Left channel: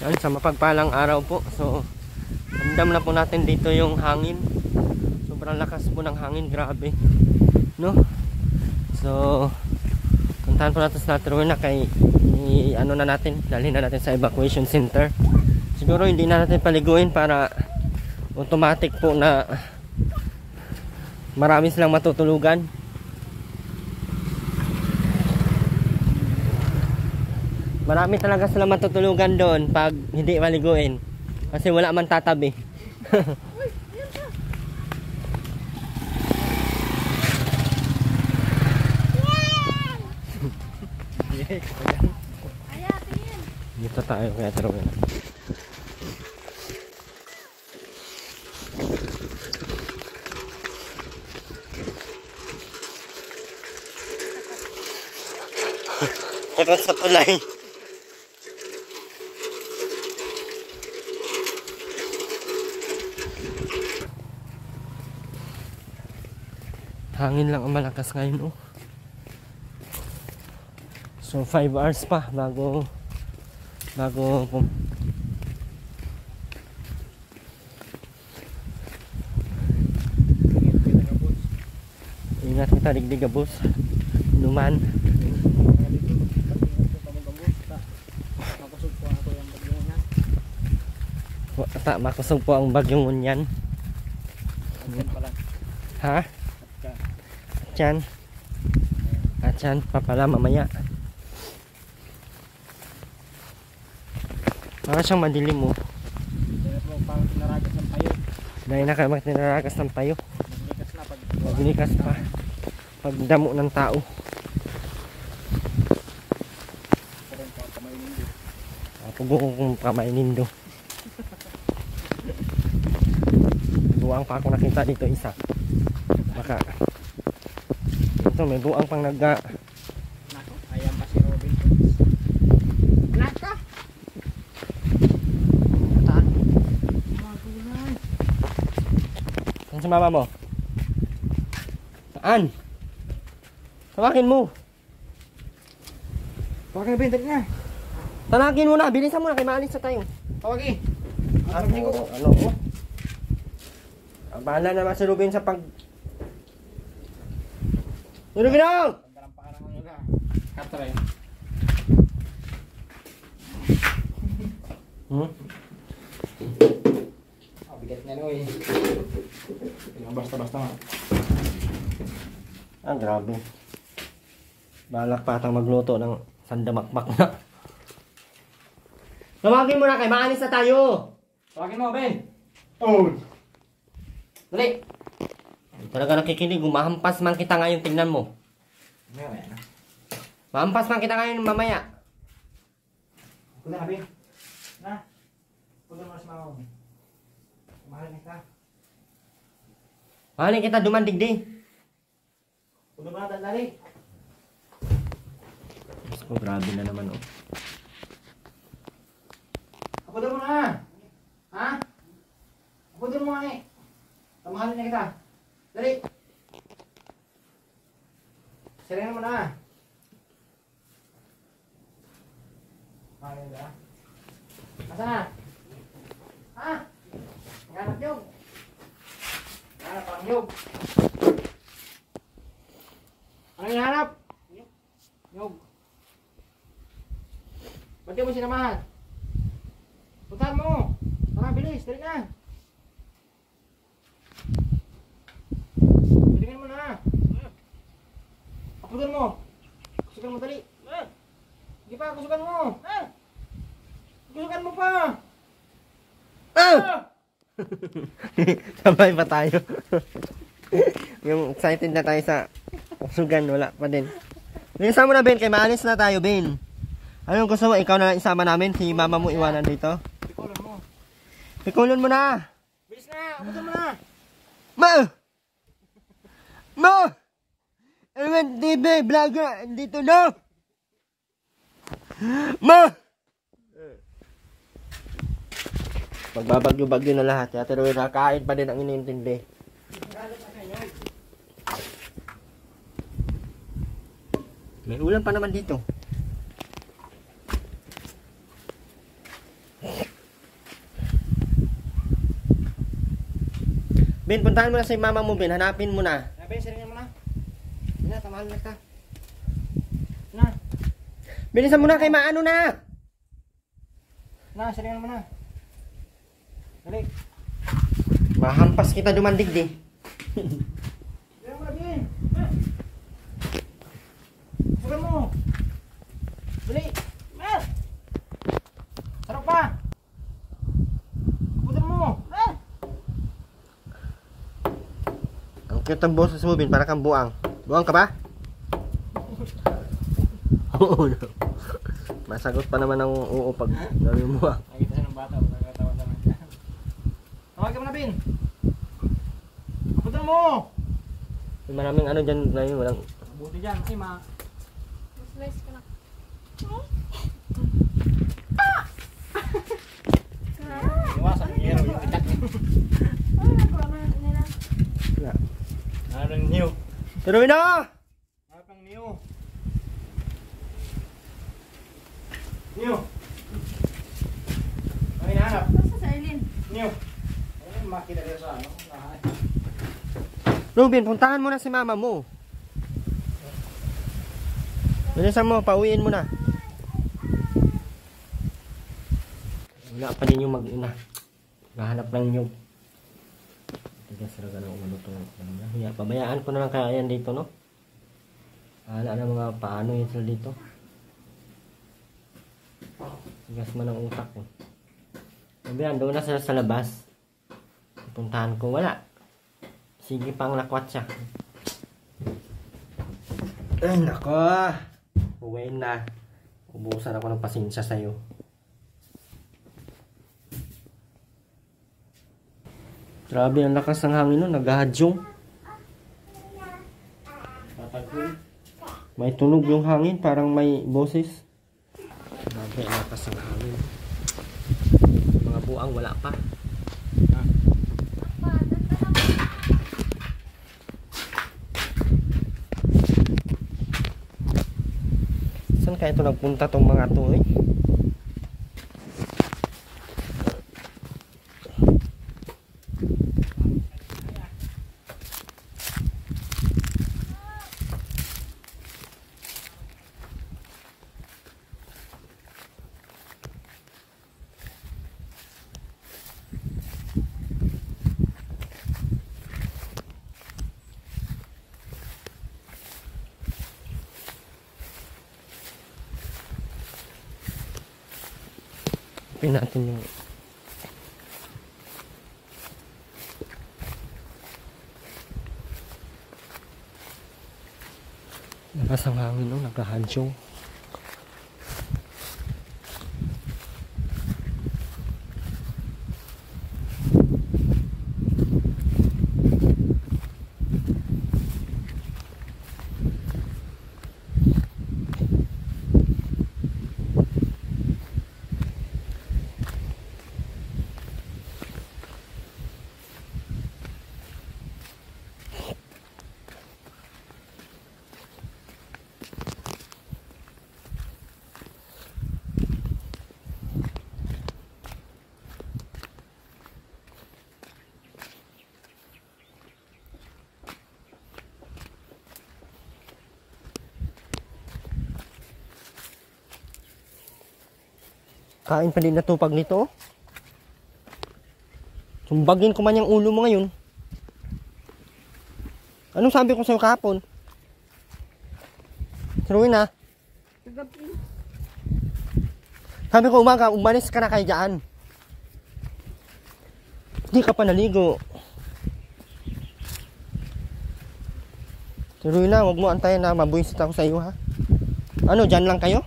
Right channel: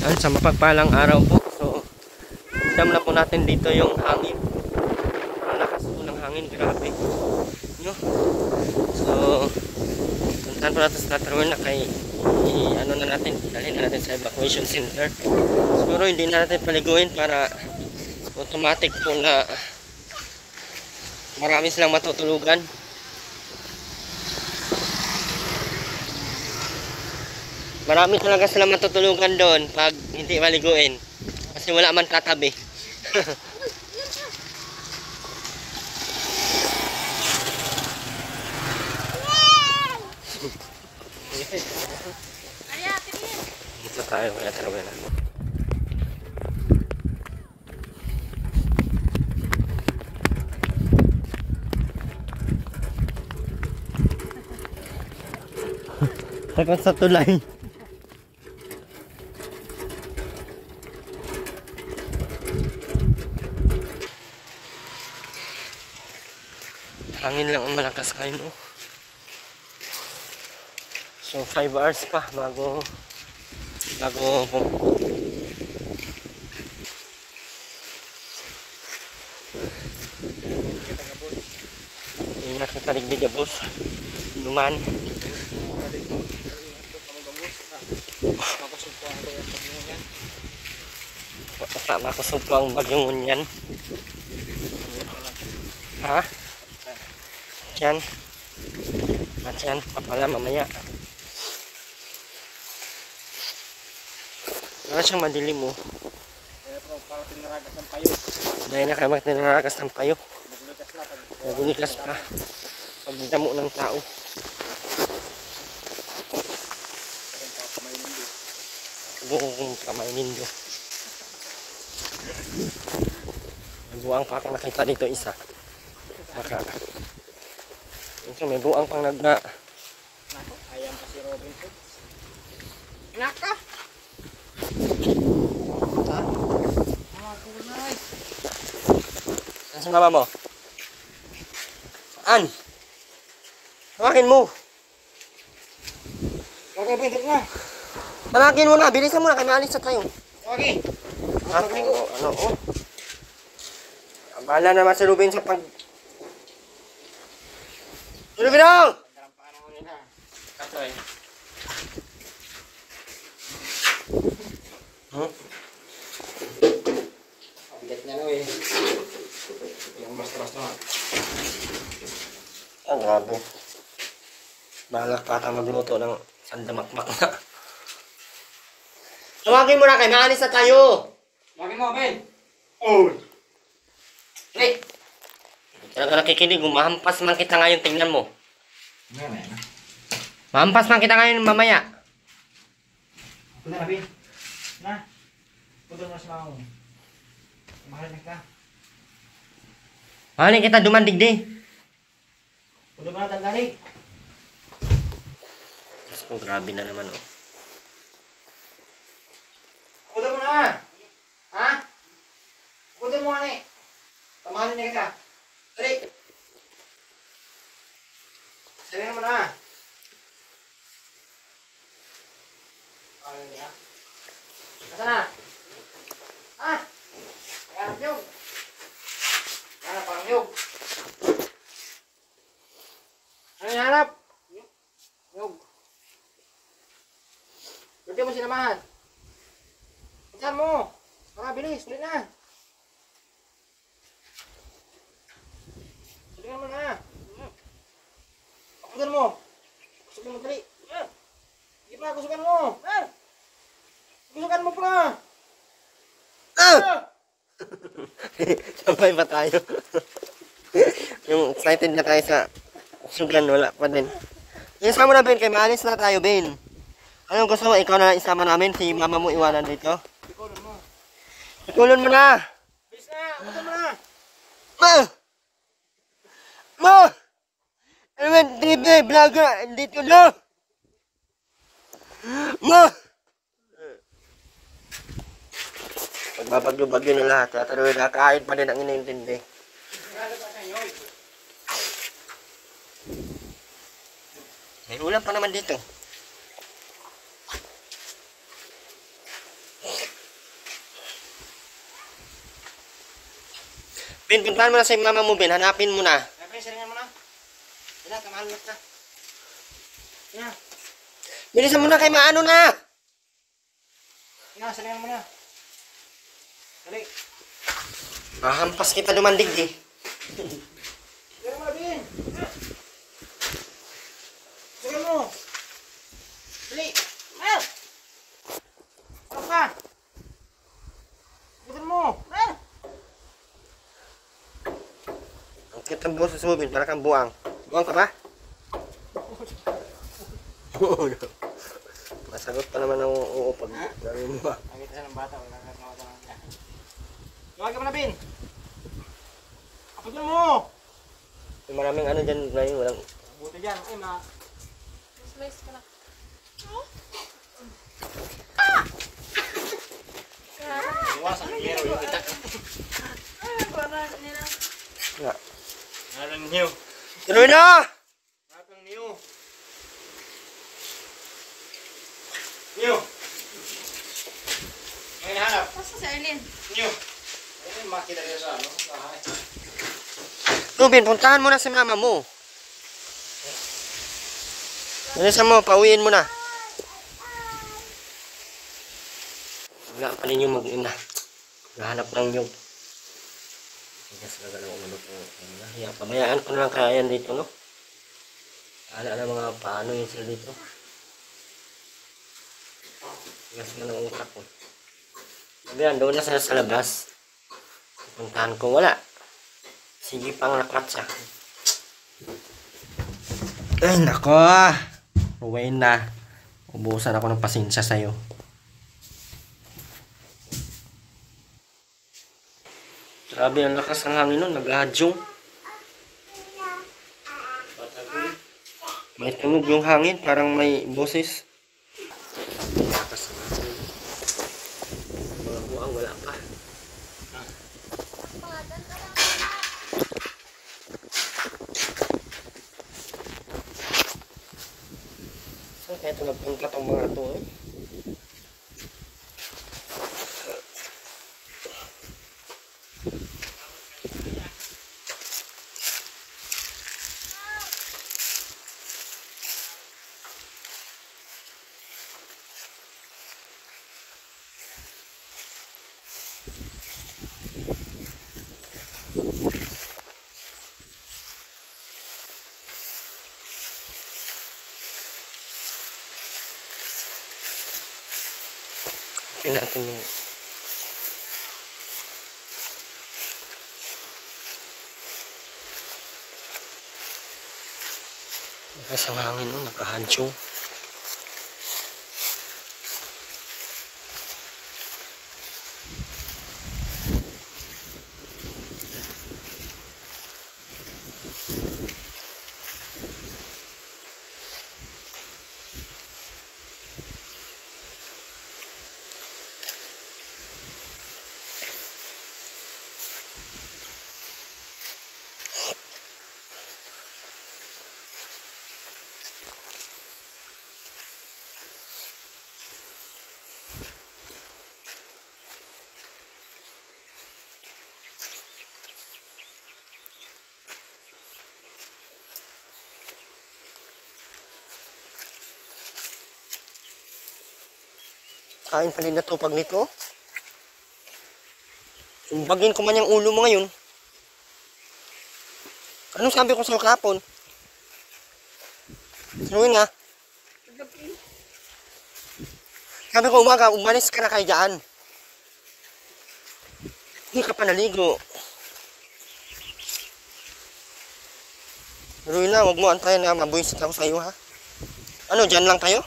Yan, sa mapagpalang araw po. So, ramdam na po natin dito yung hangin. Ang lakas po ng hangin, grabe. No? So, puntahan po natin sa Latrona kay ano na natin, dalhin na natin sa evacuation center. Siguro hindi na natin paliguin para automatic po na marami silang matutulugan. Marami talaga sila matutulugan doon pag hindi maliguin. Kasi wala man tatabi. Dito tayo kaya taruin na. Takot sa tulay. Hangin lang ang malakas ngayon, oh. So 5 hours pa bago ingat kita digdig gabos luman. Makusog po ang bagyong unyan. Ha? Diyan. At dyan, papala mamaya. Para siyang madilim, oh. Dahil na kayo magtinaragas ng payo. Madilikas pa. Pagdamo ng tao. Ako buong kong pamainin do. Buang pa ako nakita dito isa. Baka ito may buang pang nagga. Nako, ayan pa si Robin. Nako. Saan si mama mo? Saan? Tawakin mo. Okay, bintik na. Tawakin mo na, bilisan mo na kay maalis na tayo. Okay. Ano oh? Bahala naman si Ruben sa pag... Ruben daw! Dalam pa ka naman yun ha. Katry. Bigat niya no eh. Yung basta-basta nga. Ah, grabe. Balak pa ata magluto ng sandamakmak na. Tawagin mo na kay maalis na tayo! Tawagin mo, Ben! Oh! Dali! Hindi talaga nakikinig. Mahampas man kita ngayon. Tingnan mo. Mamaya na. Mahampas man kita ngayon mamaya. Punta na, Ben. Na. Punta mo na sa mga mo. Mahal na ka. Mahalin kita dumandigdi. Punta mo na tandali. Mas ko grabe na naman oh. Punta mo na! Ha? Punta mo na eh. Tamahalin na kita. Dali! Sarili mo na. Tamahalin niya. Asa na? Ha? Naghanap nyog. Naghanap ang nyog. Ano yung hanap? Nyog. Ba't di mo sinamahan? Puntahan mo. Tara, bilis. Dali na. Kusugan mo na. Kusugan mo. Kusugan mo, dali. Sige pa, kusugan mo. Kusugan mo pa. Sabay pa tayo. Yung excited na tayo sa sugan, wala pa din. Isa mo na, Ben, kay maalis na tayo, Ben. Anong gusto mo? Ikaw na lang isama namin, si mama mo iwanan dito. Pikulon mo. Pikulon mo na! Bilis na, kusugan mo na. Ma! Ma! Element TV, vlogger, dito na! Ma! Magbabagyo-bagyo na lahat. Kaya tuloy kakain pa din ang iniintindi. May ulam pa naman dito. Ben, puntahan mo na sa mama mo, Ben. Hanapin mo na. Ben, siringan mo na. Yan na, tamahan mo na. Yan. Bilisan mo na kay maano na. Na, siringan mo na. Dali. Mahampas kita dumandig, di. Siringan mo na, Ben. Siringan mo. Dali. Ah! Sarap pa. Putin mo. Ah! Ang cute ang boses mo, Ben. Para kang buang. Buang ka ba? Oo. Masagot pa naman ng oo pag gawin mo ah. Nakita siya ng bata, walang katawa sa kanya. Tawag ka mo na, Ben. Putin mo. May maraming ano dyan, Brian. Walang... Buto dyan. Ay, Slice ko na. iwasan mo yan. Wala. Ngayon new. Tuloy na! Nakang new. New. Ngayon hanap. Basta si Arlene. New. Ayun, makita rin sa ano. Bahay. Ruben, puntahan mo na si mama mo. Bilisan mo, pauwiin mo na. Wala pa rin yung mag-ina. Nahanap lang yung... Tigas na gano'n umano po. Hiya, pabayaan ko na lang kaya yan dito, no? Hala na mga paano yun sila dito. Tigas man ang utak ko. Pabayaan, doon na sila sa labas. Puntahan ko, wala. Sige pang nakwatsa. Ay, nako. Uwain na. Ubusan ako ng pasensya sa'yo. Grabe ang lakas ng hangin nun. Naghahadyong. May tunog yung hangin. Parang may boses. Grabe ang lakas ng hangin. Mga buang wala pa. Saan kaya ito nagpunta tong mga to eh? Tingnan natin yung lakas ang hangin, no? Naghahadyong. Kain pa din natupag nito. Sumbagin ko man yung ulo mo ngayon. Anong sabi ko sa'yo kahapon? Sinuwin ha? Sabi ko umaga, umalis ka na kayo dyan. Hindi ka pa naligo. Sinuwin na, huwag mo antayin na mabuisit ako sa'yo ha. Ano, dyan lang kayo?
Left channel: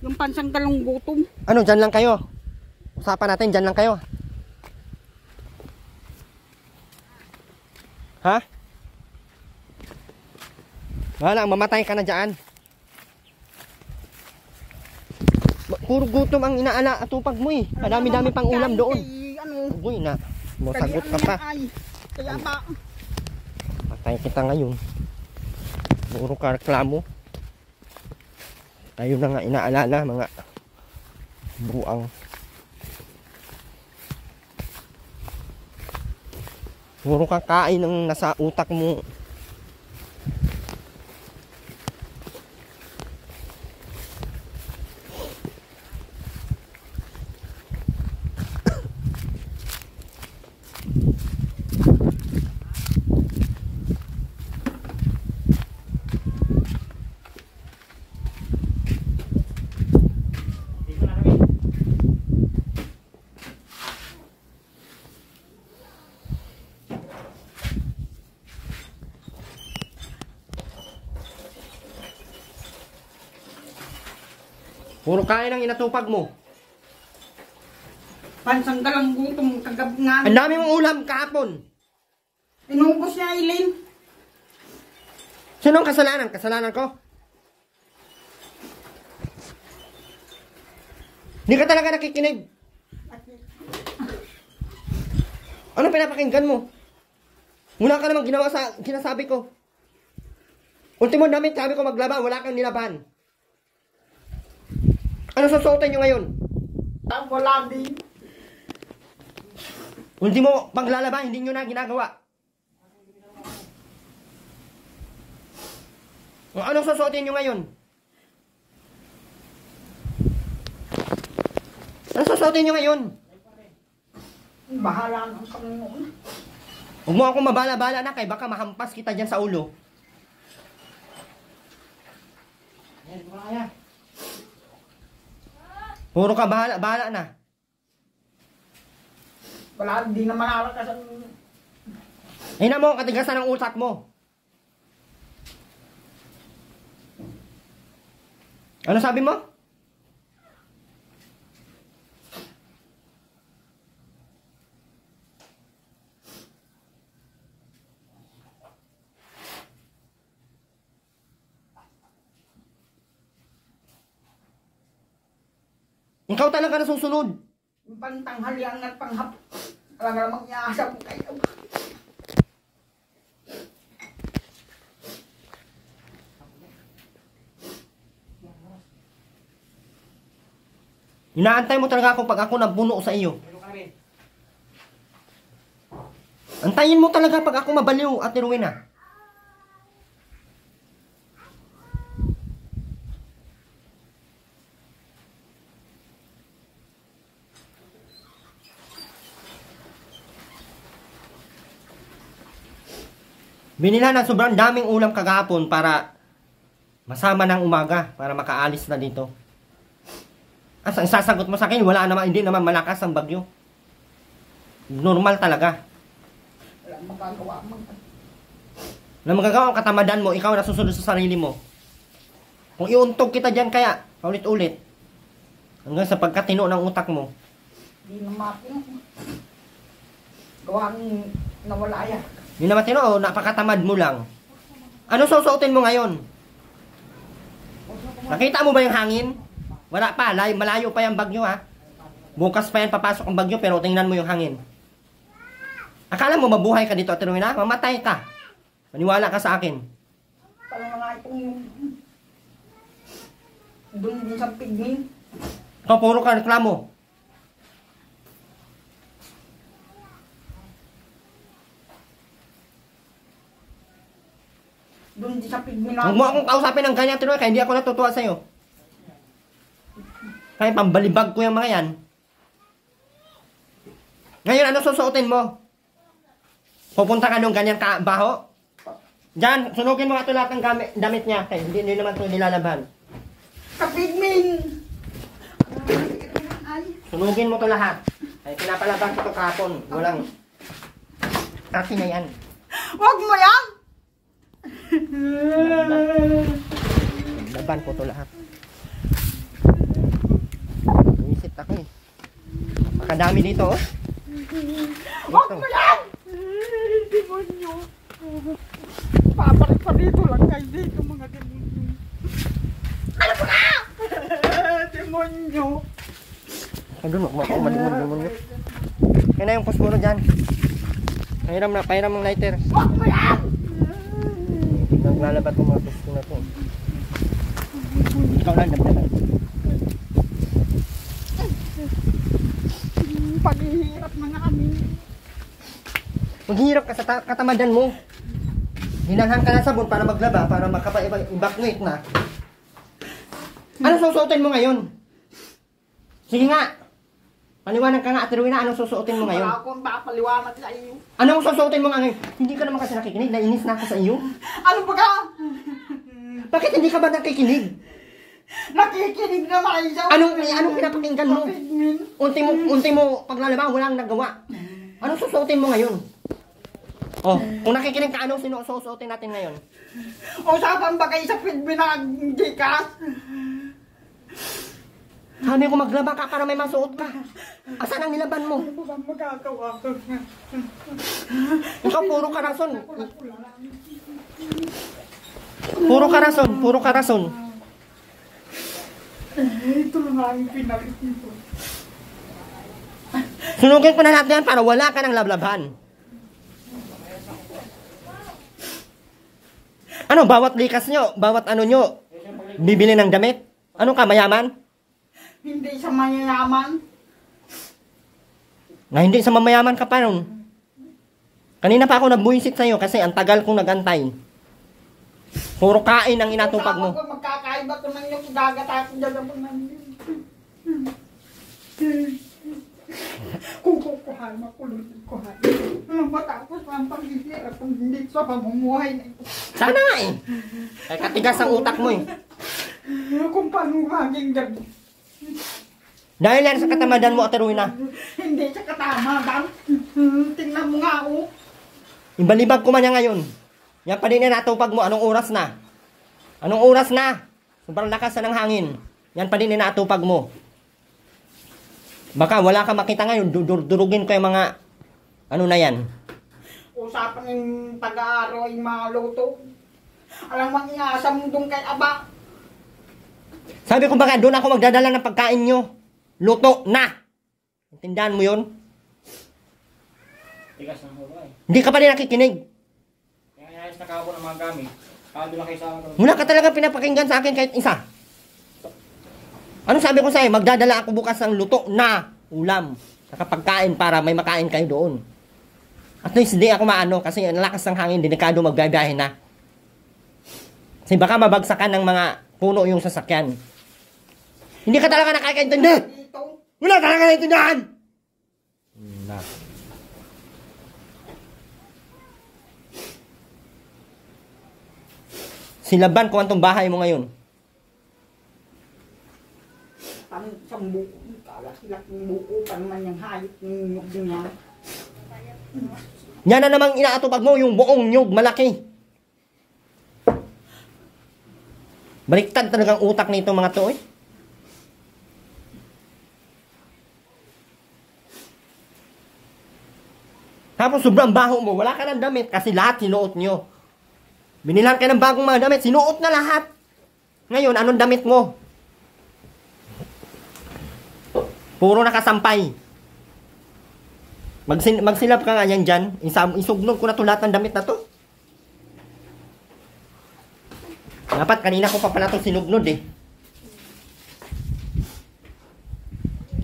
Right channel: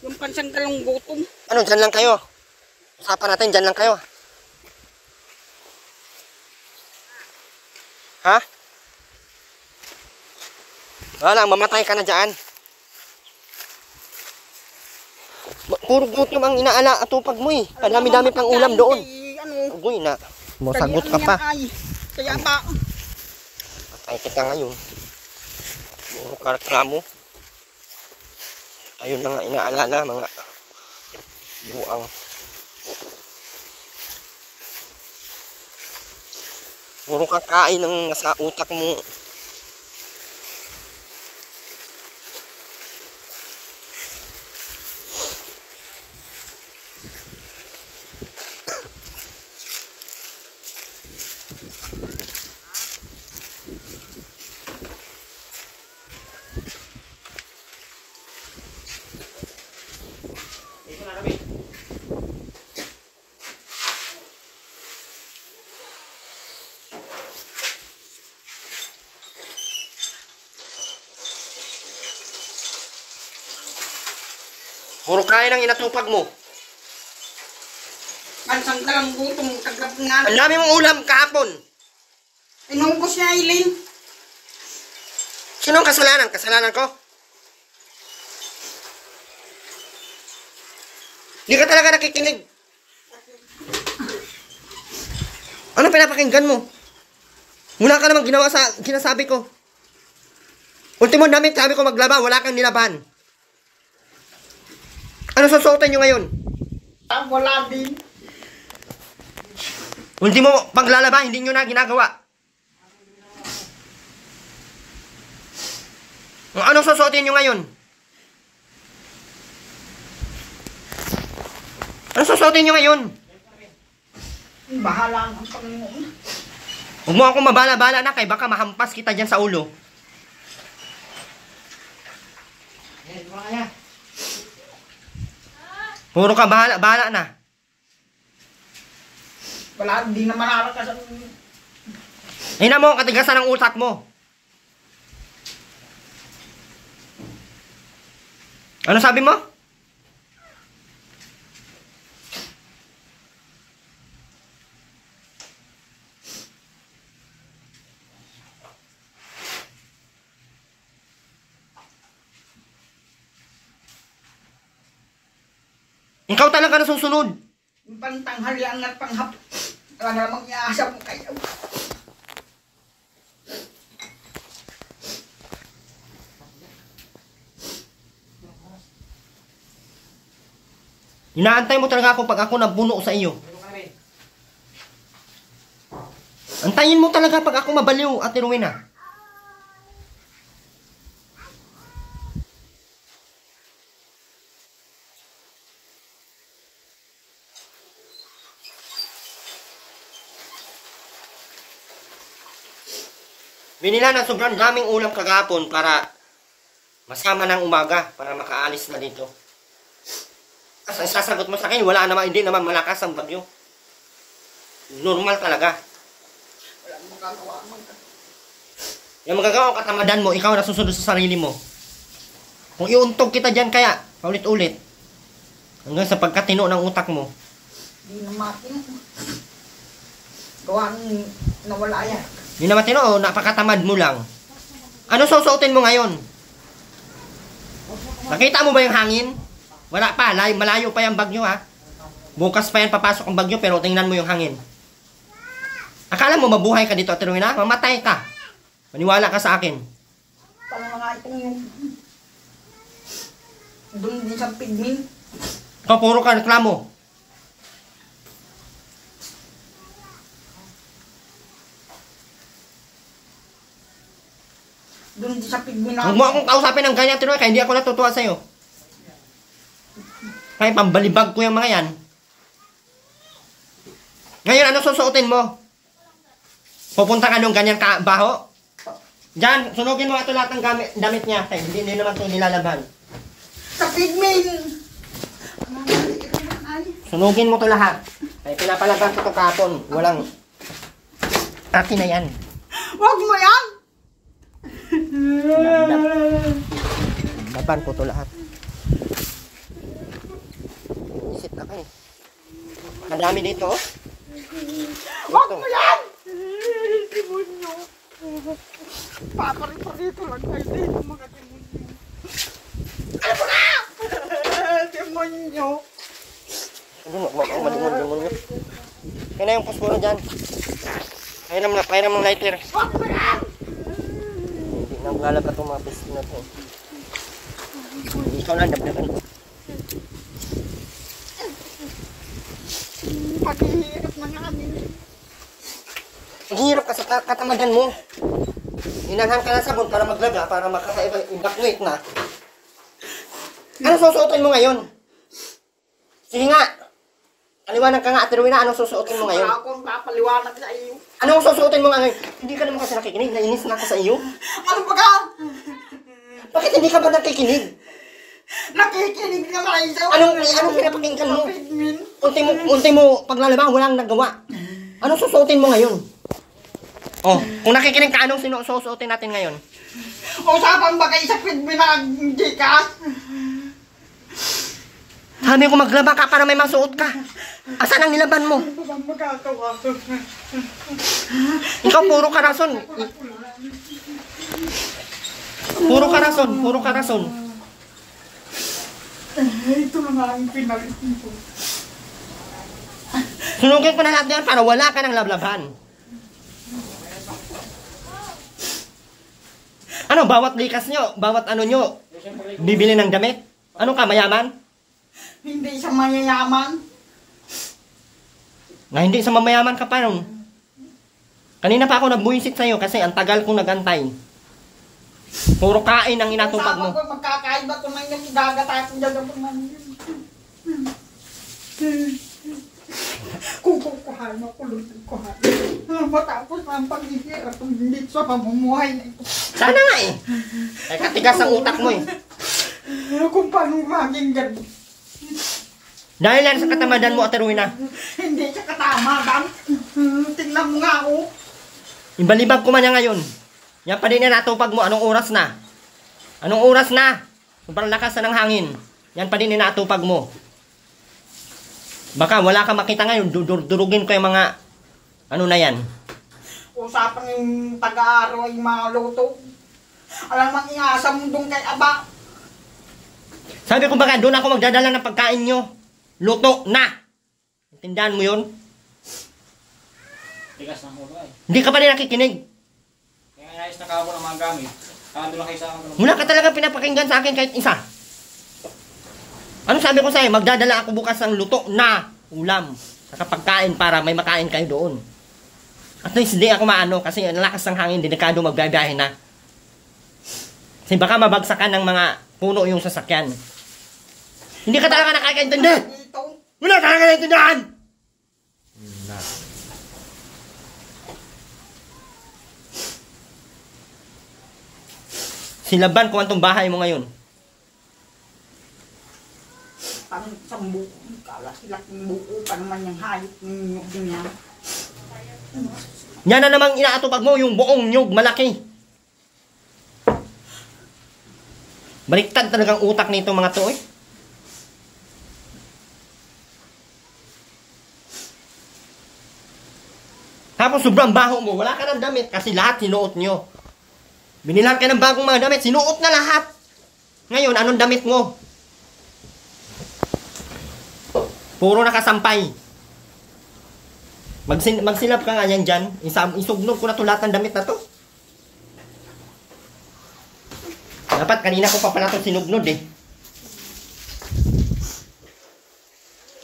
Yung pansang talong gutom. Ano, dyan lang kayo? Usapan natin, dyan lang kayo. Ha? Wala, mamatay ka na dyan. Puro gutom ang inaala at tupag mo eh. Kadami-dami pang ulam doon. Ugoy na. Masagot ka pa. Kaya ba? Patay kita ngayon. Puro ka reklamo. Ayun na nga inaalala mga buang. Puro kakain ang nasa utak mo. Dito na kami. Puro kain ang inatupag mo. Pansang dalang gutom. Tagap nga. Ang dami mong ulam kahapon. Inubos niya, Eileen. Sino ang kasalanan? Kasalanan ko? Hindi ka talaga nakikinig. Ano pinapakinggan mo? Wala ka namang ginawa sa ginasabi ko. Ultimo damit, sabi ko maglaba, wala kang nilaban. Ano susuotin nyo ngayon? Wala din. Ultimo paglalaba, hindi nyo na ginagawa. Ano susuotin nyo ngayon? Ano susuotin nyo ngayon? Bahala ng Panginoon. Huwag mo akong mabala-bala na kay baka mahampas kita dyan sa ulo. Dito na kaya. Puro ka bahala na. Wala, di naman alakas ang... Hina mo ang katigasan ng utak mo. Ano sabi mo? Ikaw talaga na susunod. Yung pantanghalian at panghap. Wala namang iaasa mo kayo. Inaantay mo talaga ako pag ako nabuno sa iyo. Dito na kami. Antayin mo talaga pag ako mabaliw, Ate Rowena. Binila na sobrang daming ulam kagapon para masama ng umaga para makaalis na dito. As ang sasagot mo sa akin, wala naman, hindi naman malakas ang bagyo. Normal talaga. Wala magagawa man. Na magagawa ang katamadan mo, ikaw na susunod sa sarili mo. Kung iuntog kita dyan kaya, paulit-ulit. Hanggang sa pagkatino ng utak mo. Di na matin. Gawang nawala yan. Hindi naman tino, napakatamad mo lang. Ano susuotin mo ngayon? Nakita mo ba yung hangin? Wala pa, malayo pa yung bagyo ha. Bukas pa yan papasok ang bagyo pero tingnan mo yung hangin. Akala mo mabuhay ka dito, Ate Rowena? Mamatay ka. Maniwala ka sa akin. Paano nga itong yung... Doon din sa pigmin. Ikaw puro ka reklamo. Doon din sa pigmin Huwag mo akong kausapin ng ganyan, Ate Rowena, kaya hindi ako natutuwa sa'yo. Kaya pambalibag ko yung mga yan. Ngayon, ano susuotin mo? Pupunta ka nung ganyan baho? Diyan, sunugin mo ito lahat ng damit niya. Kaya hindi naman ito nilalaban. Sa pigmin! Sunugin mo ito lahat. Kaya pinapalaban ko ito kapon. Walang... Akin na yan. Huwag mo yan! Laban ko ito lahat. Isip na ko. Makadami dito, oh. Huwag mo yan! Demonyo! Paparik pa dito lang kayo dito mga demonyo. Ano po na? Demonyo! Andun, huwag mo akong malimon. Kaya na yung posporo dyan. Pahiram ng lighter. Huwag mo yan! Naglalaba itong mga pisto na ito. Ikaw lang, dabdagan ko. Paghihirap na nga kami. Maghihirap ka sa katamadan mo. Hinanhan ka na sabon para maglaba, para makapa-evacuate na. Anong susuotin mo ngayon? Sige nga. Paliwanag ka nga, Ate Rowena, anong susuotin mo ngayon? Wala akong papaliwanag sa iyo. Anong susuotin mo ngayon? Hindi ka naman kasi nakikinig, nainis na ako sa iyo. Ano ba ka? Bakit hindi ka ba nakikinig? Nakikinig naman isa. Anong pinapakinggan mo? Unti mo paglalaba, walang nagawa. Anong susuotin mo ngayon? Oh, kung nakikinig ka, anong susuotin natin ngayon? Usapan ba kayo sa Pidmin na hindi ka? Sabi ko maglaba ka para may masuot ka. Asan ang nilaban mo? Ano ba magagawa? Ikaw puro karason. Puro karason. Ito na nga ang pinalit nito. Sunugin ko na lahat yan para wala ka ng lablaban. Ano, bawat likas nyo, bawat ano nyo, bibili ng damit? Ano ka, mayaman? Hindi sa mayayaman. Na hindi sa mamayaman ka pa nun. Kanina pa ako nagbuisit sa'yo kasi ang tagal kong nagantay. Puro kain ang inatupag mo. Usapan ko magkakaiba ko na yung igagatay ko dyan po na kung kukuhan, makulutin ko ha. Matapos ang paghihirap kung hindi sa pamumuhay na ito. Sana nga eh. Ay katigas ang utak mo eh. Kung paano maging ganun. Dahil yan sa katamadan mo, Ate Rowena. Hindi sa katamadan. Tingnan mo nga ako. Ibalibag ko man yan ngayon. Yan pa din na natupag mo. Anong oras na? Anong oras na? Sobrang lakas na ng hangin. Yan pa din na natupag mo. Baka wala ka makita ngayon. Durugin ko yung mga ano na yan. Usapan yung taga-araw yung mga luto. Alam mang iasa mo doon kay Aba. Sabi ko baka doon ako magdadala ng pagkain nyo. Luto na. Tindahan mo yun? Tigas ng huro eh. Hindi ka pa rin nakikinig. Kaya inayos na kako ng mga gamit. Kando lang kayo sa akin. Wala ka talaga pinapakinggan sa akin kahit isa. Ano sabi ko sa'yo? Magdadala ako bukas ng luto na ulam. Saka pagkain para may makain kayo doon. At least hindi ako maano kasi ang lakas ng hangin, delikado magbiyahe na. Kasi baka mabagsakan ng mga puno yung sasakyan. Hindi ka talaga nakakaintindi. Dito. Wala ka nakakaintindihan. Na. Silaban kung antong bahay mo ngayon. Parang isang buko. Kalat-laking buko pa naman yung hayop ng nyug din yan. Yan na namang inaatupag mo yung buong nyug malaki. Baliktad talagang utak nito mga to eh. Tapos sobrang baho mo, wala ka ng damit kasi lahat sinuot nyo. Binilan kayo ng bagong mga damit, sinuot na lahat. Ngayon, anong damit mo? Puro nakasampay. Magsilap ka nga yan dyan. Isugnog ko na to lahat ng damit na to. Dapat kanina ko pa pala ito sinugnod eh.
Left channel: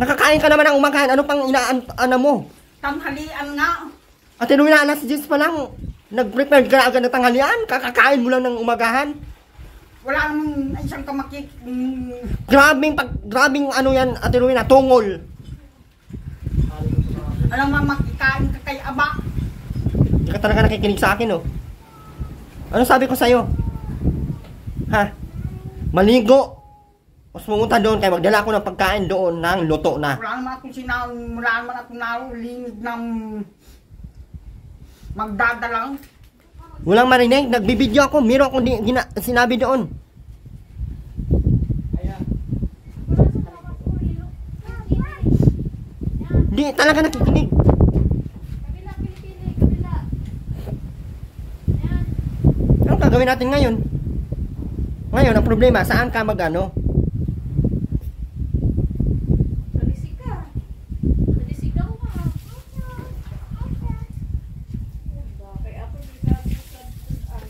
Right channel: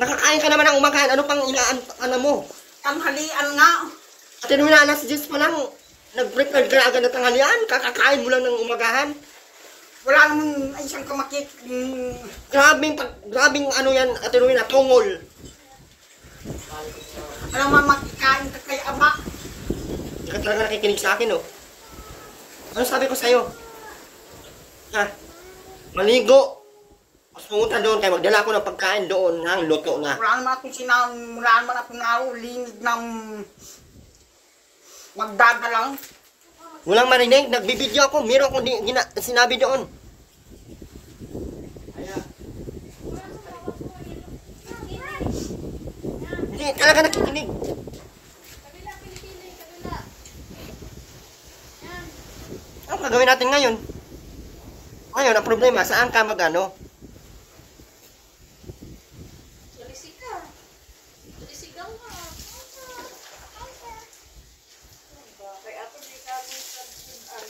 Nakakain ka naman ng umagahan. Ano pang inaano mo? Tanghalian nga. At nung na alas 10 pa lang, nag-prepare ka na agad ng tanghalian. Kakakain mo lang ng umagahan. Wala naman isang kamakik. Grabing ano yan, Ate Rowena, tungol. Alam mo, makikain ka kay Aba. Hindi ka talaga nakikinig sa akin, oh. Ano sabi ko sa'yo? Ha? Maligo. Tapos pumunta doon, kaya magdala ko ng pagkain doon ng luto na. Wala naman akong nalinig ng magdadalang. Walang marinig, nagbibideo ako, meron akong sinabi doon. Hindi talaga nakikinig. Ano gagawin natin ngayon? Ngayon, ang problema, saan ka mag-ano?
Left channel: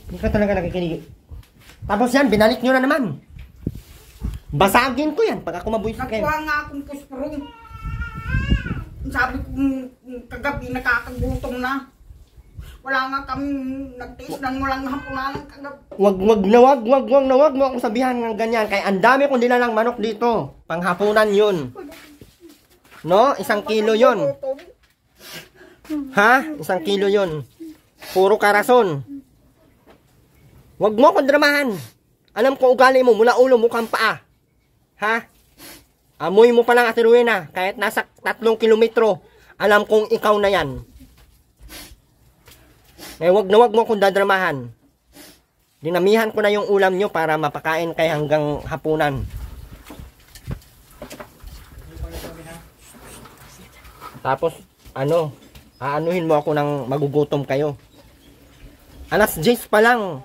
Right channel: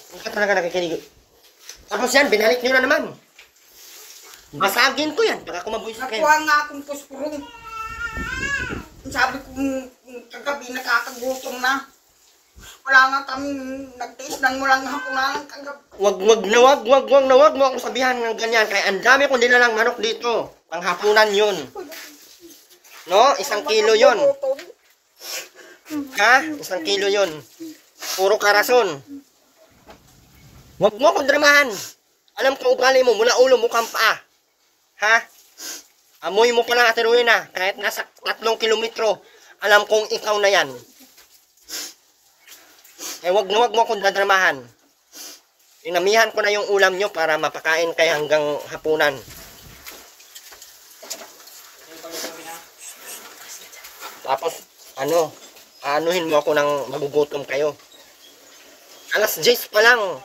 Hindi ka talaga nakikinig. Tapos yan, binalik nyo na naman. Basagin ko yan pag ako mabuisit kayo. Nakuha nga akong puspurong. Sabi ko kagabi nakakagutom na. Wala nga kaming nagtiis ng mulang hapunan kagab. Wag mo akong sabihan ng ganyan. Kaya ang dami kong dinalang manok dito. Panghapunan yun. No? 1 kilo yun. Ha? 1 kilo yun. Puro karason. Wag mo akong dramahan. Alam ko ugali mo, mula ulo mukhang paa. Ha? Amoy mo pa lang, Ate Rowena. Kahit nasa 3 kilometro, alam kong ikaw na yan. Eh, wag mo akong dadramahan. Dinamihan ko na yung ulam nyo para mapakain kayo hanggang hapunan. Tapos, aanuhin mo ako ng magugutom kayo. 10:00 pa lang.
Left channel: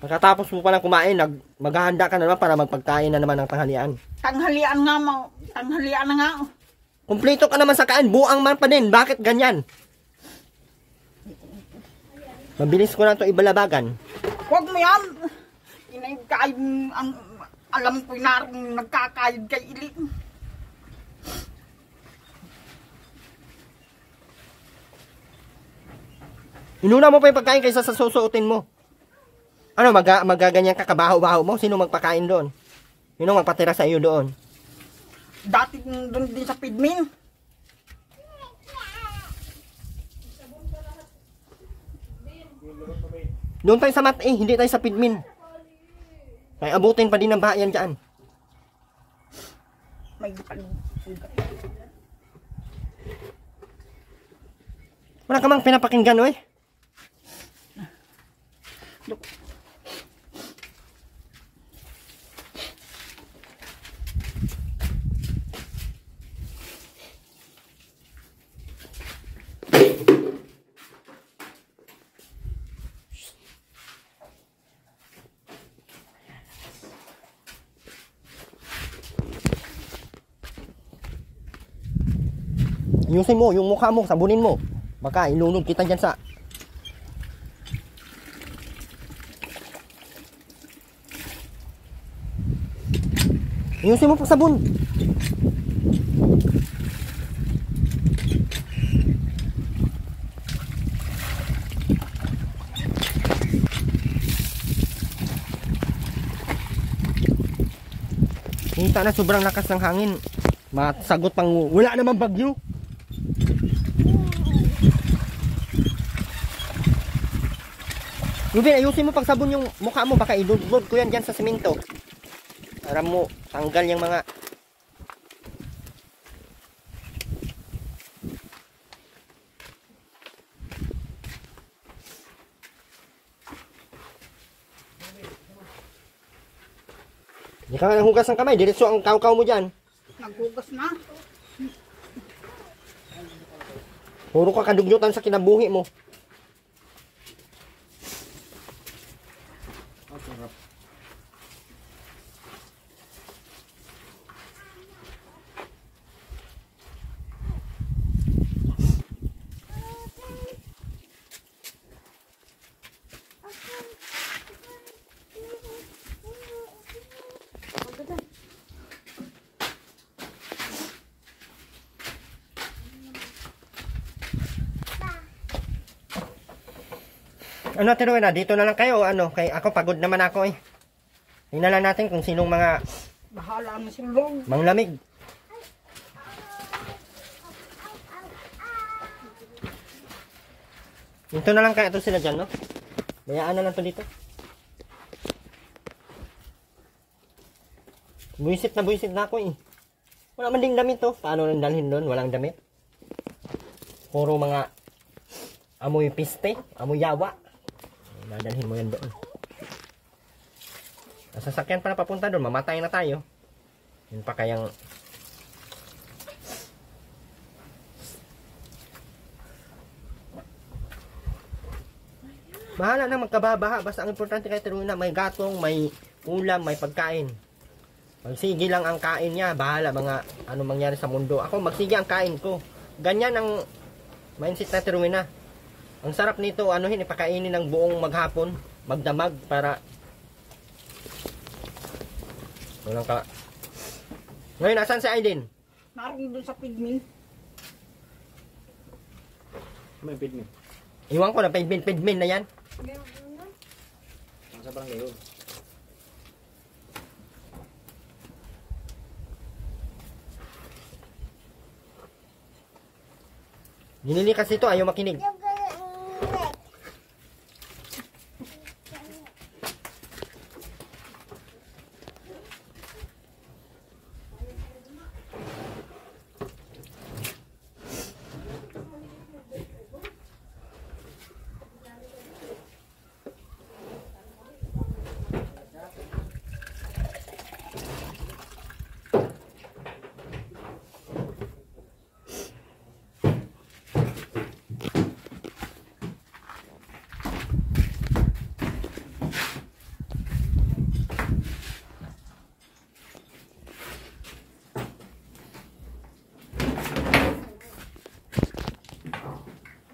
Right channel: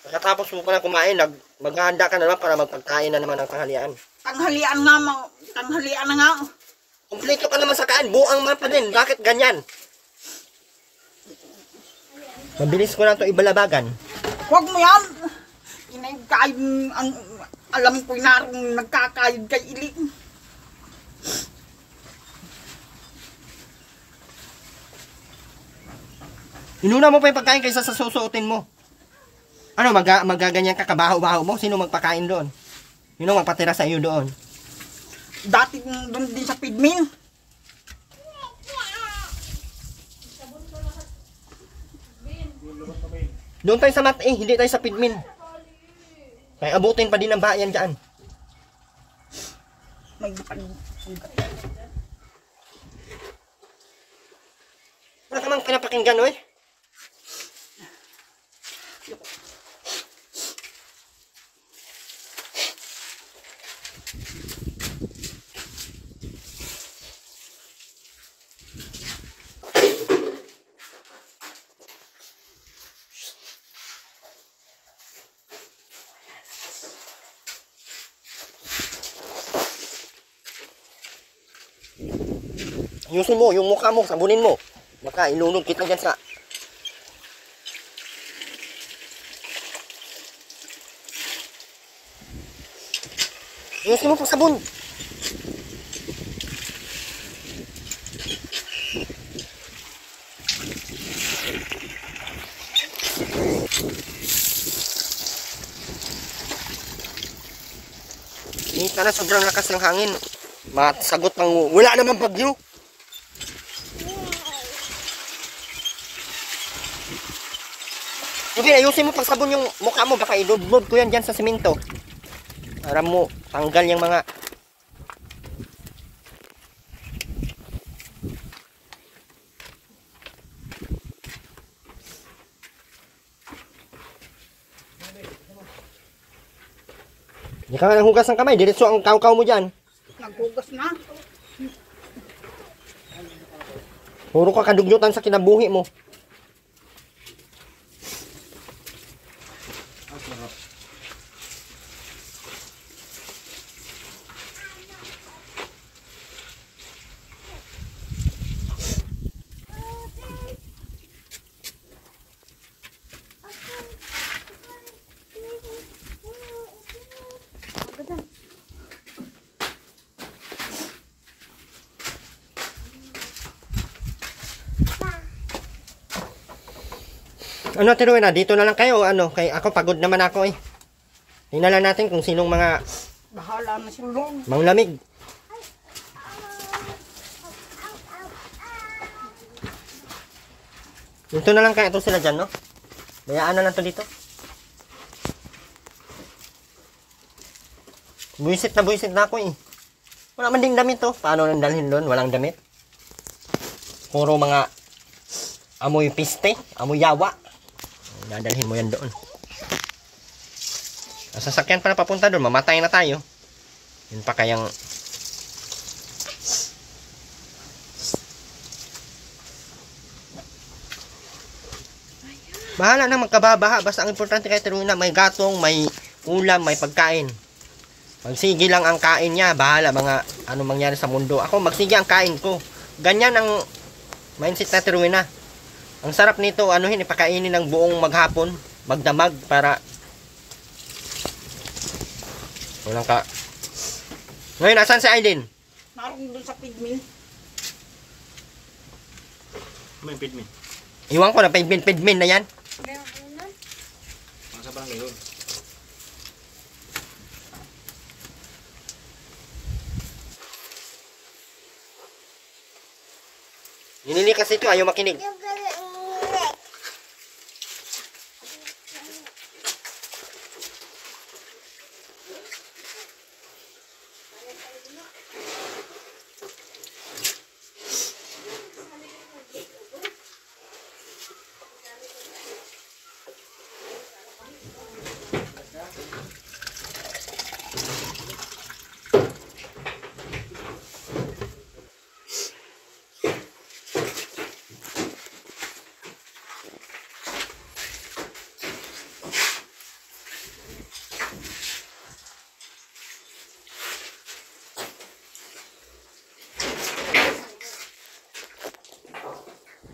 Pagkatapos mo pala kumain, maghahanda ka na naman para magpagkain na naman ng tanghalian. Tanghalian na nga. Kumpleto ka naman sa kain, buang man pa din. Bakit ganyan? Mabilis ko na ito ibalabagan. Huwag mo yan. Inagkayod ang alam ko narong nagkakayod kay Ili. Inuna mo pa yung pagkain kaysa sa susuotin mo. Ano, magaganyan ka kabaho-baho mo? Sino magpakain doon? Sino magpatira sa iyo doon? Dati doon din sa Pidmin. Doon tayo sa hindi tayo sa Pidmin. Kaya abutin pa din ng bayan dyan. May Wala ka mang pinapakinggan, oy. Ayusin mo, yung mukha mo, sabunin mo. Baka ilunod kita dyan sa... Ayusin mo pag sabon. Kita na sobrang lakas ng hangin. Masagot pang wala naman bagyo. Ruben, ayusin mo pag sabon yung mukha mo. Baka iludlod ko yan dyan sa simento. Para mo tanggal yung mga... Hindi ka nga nanghugas ng kamay. Diretso ang kaw-kaw mo dyan. naghugas na. Puro ka kadugyutan sa kinabuhi mo. Ano, Tero, na dito na lang kayo, ano, kay ako pagod naman ako eh. Tingnan lang natin kung sinong mga Bahala na sulong. manglamig. Dito na lang kaya ito sila dyan, no? Bayaan na lang to dito. Buisit na ako eh. Wala man ding damit to. Paano nang dalhin doon? Walang damit. Puro mga amoy piste, amoy yawa. Dadalhin mo yan doon. Ang sasakyan pa na papunta doon, mamatay na tayo. Yun pa kayang... Bahala na magkababaha. Basta ang importante kay Teruna, may gatong, may ulam, may pagkain. Magsige lang ang kain niya. Bahala mga ano mangyari sa mundo. Ako magsige ang kain ko. Ganyan ang mindset na Teruna. Ang sarap nito, anuhin, ipakainin ng buong maghapon, magdamag para walang ka. Ngayon, asan si Aiden? Naroon doon sa Pidmin. May pidmin. Iwan ko na, pidmin na yan. Ang sa barangay yun. Ninilikas ito, ayaw makinig.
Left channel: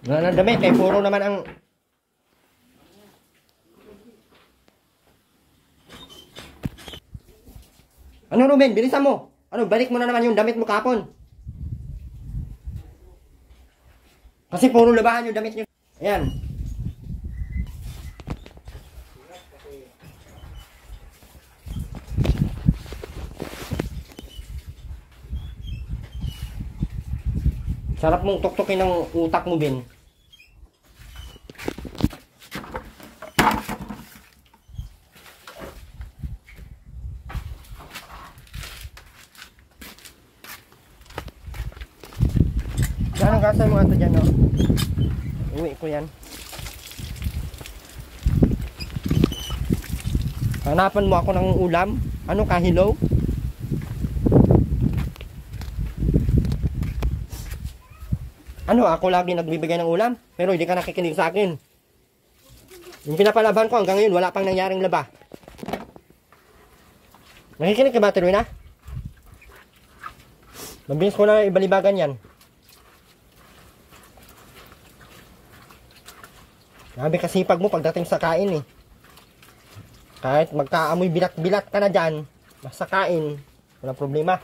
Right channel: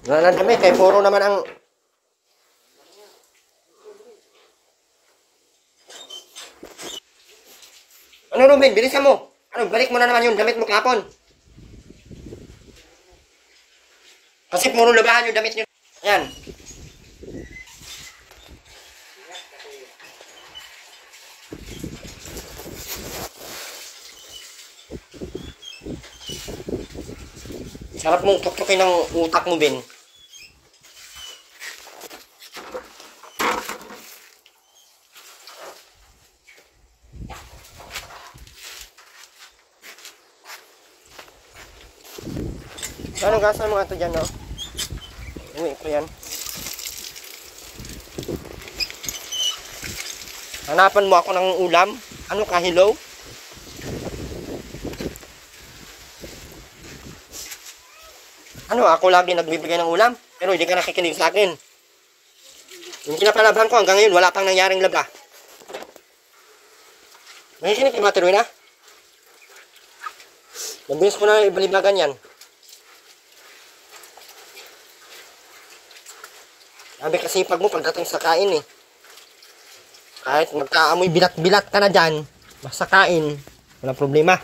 Wala lang damit, kaya puro naman ang... Ano Ruben, bilisan mo. Ano, balik mo na naman yung damit mo kahapon. Kasi puro labahan yung damit nyo. Ayan. Sarap mong tuktukin ng utak mo, Ben. Anong gasa mo nga ito dyan, no? Uwi ko yan. Hanapan mo ako ng ulam? Ano ka, hello? Ano, ako lagi nagbibigay ng ulam? Pero hindi ka nakikinig sa akin. Yung pinapalaban ko hanggang ngayon, wala pang nangyaring laba. Nakikinig ka ba, Terwina? Mabilis ko na ibalibagan yan. Sabi kasi pag mo pagdating sa kain eh. Kahit magkaamoy bilat-bilat ka na dyan, basta kain, walang problema.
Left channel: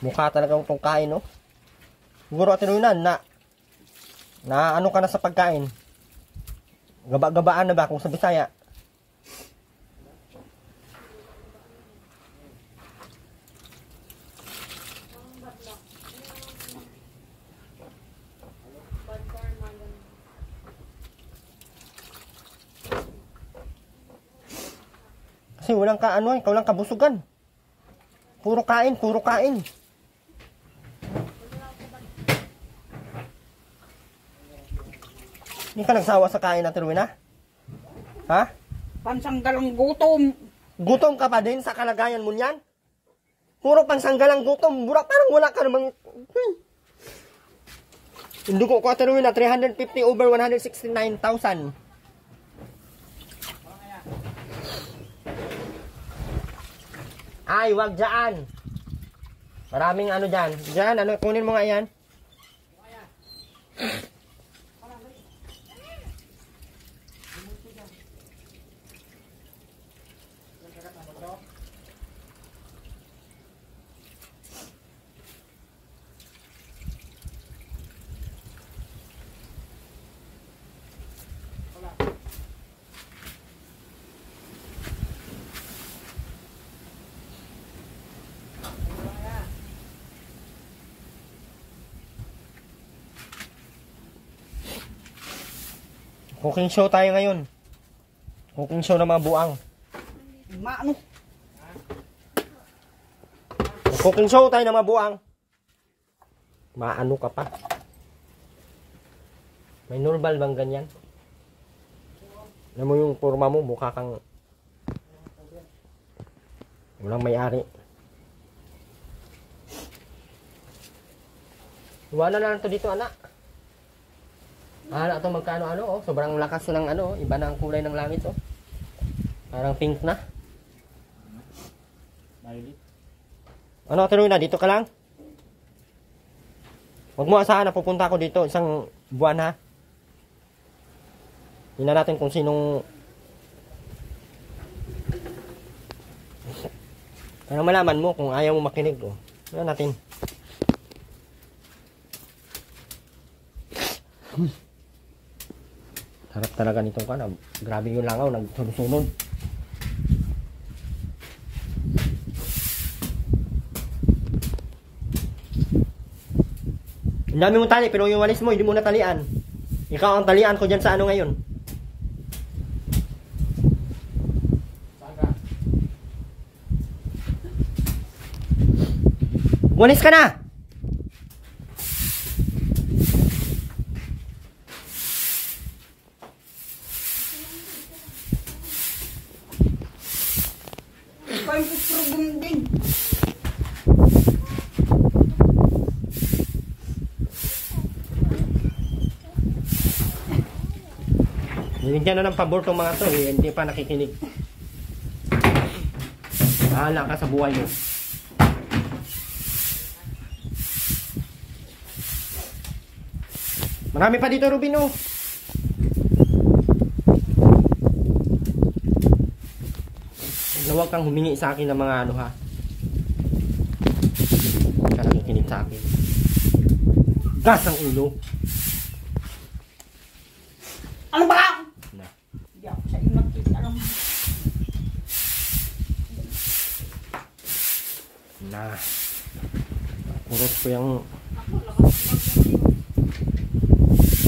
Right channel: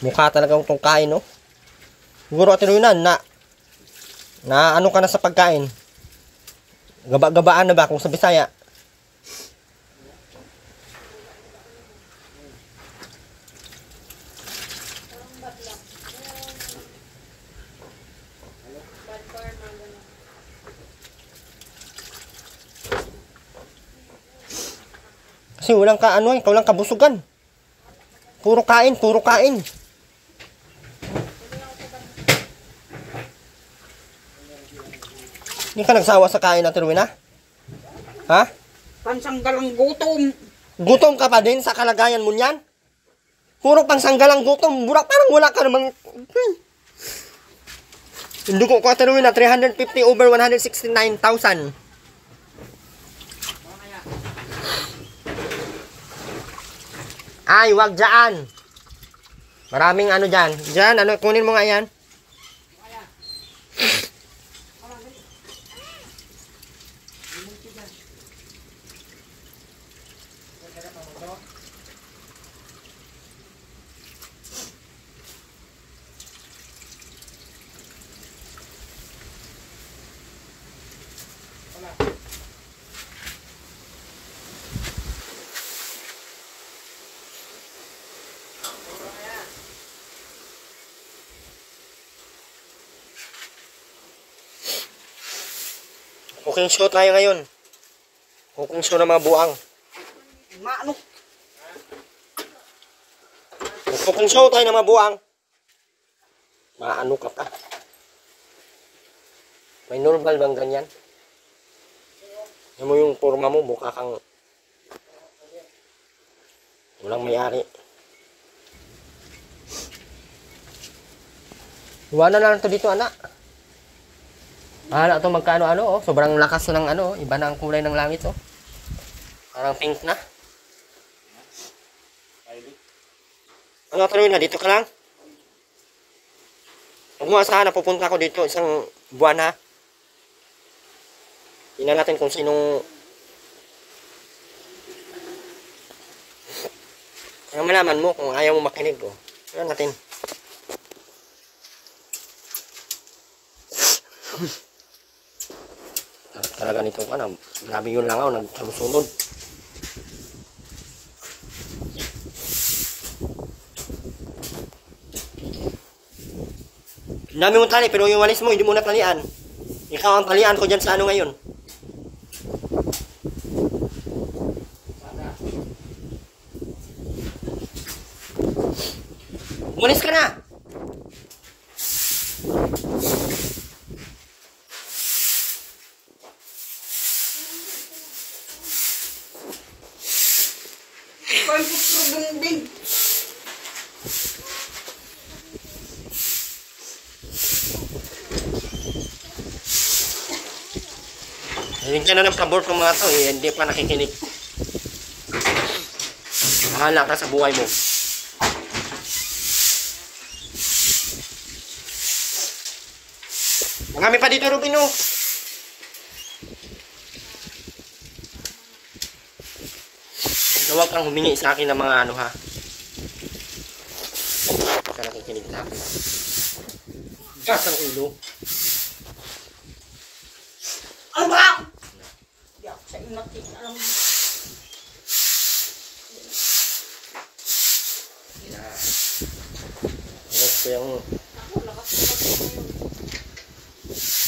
Mukha talaga itong kain, no? Siguro at na ano ka na sa pagkain. Gaba-gabaan na ba kung sa Bisaya? Kasi walang ka ano, ikaw lang kabusugan. Puro kain, puro kain. Hindi ka nagsawa sa kain natin, Rowena? Ha? Pansanggalang gutom. Gutom ka pa din sa kalagayan mo niyan? Puro pansanggalang gutom. Burak, parang wala ka namang... Yung dugo ko, Rowena, 350 over 169,000. Ay, wag dyan. Maraming ano dyan. Dyan, ano, kunin mo nga yan. Cooking show tayo ngayon. Cooking show ng mga buang. Maano? Cooking show tayo ng mga buang. Maano ka pa? May normal bang ganyan? Alam mo yung forma mo, mukha kang walang may-ari. Iwanan na lang to dito, anak. Ito magkaano-ano, oh. Sobrang lakas ng ano, iba na ang kulay ng langit, oh. Parang pink na. Ano, tuloy na, dito ka lang? Huwag mo asahan na pupunta ako dito isang buwan, ha? Tingnan natin kung sinong... Ano malaman mo kung ayaw mo makinig, oh. Tingnan natin. Harap talaga nito ka na. Grabe yung langaw, nagsunod. Ang dami mong tali, pero yung walis mo, hindi mo na talian. Ikaw ang talian ko dyan sa ano ngayon. Walis ka na! Ikaw yung putrugong din. Hinigyan na ng pabor itong mga to, eh. Hindi pa nakikinig. Bahala ka sa buhay mo. Marami pa dito, Rubin, oh. Huwag kang humingi sa akin ng mga ano, ha. Huwag ka nakikinig sa akin. Gas ang ulo. Alam ba? Hindi ako sa ingat eh. Alam mo. Na. Huwag ko yung...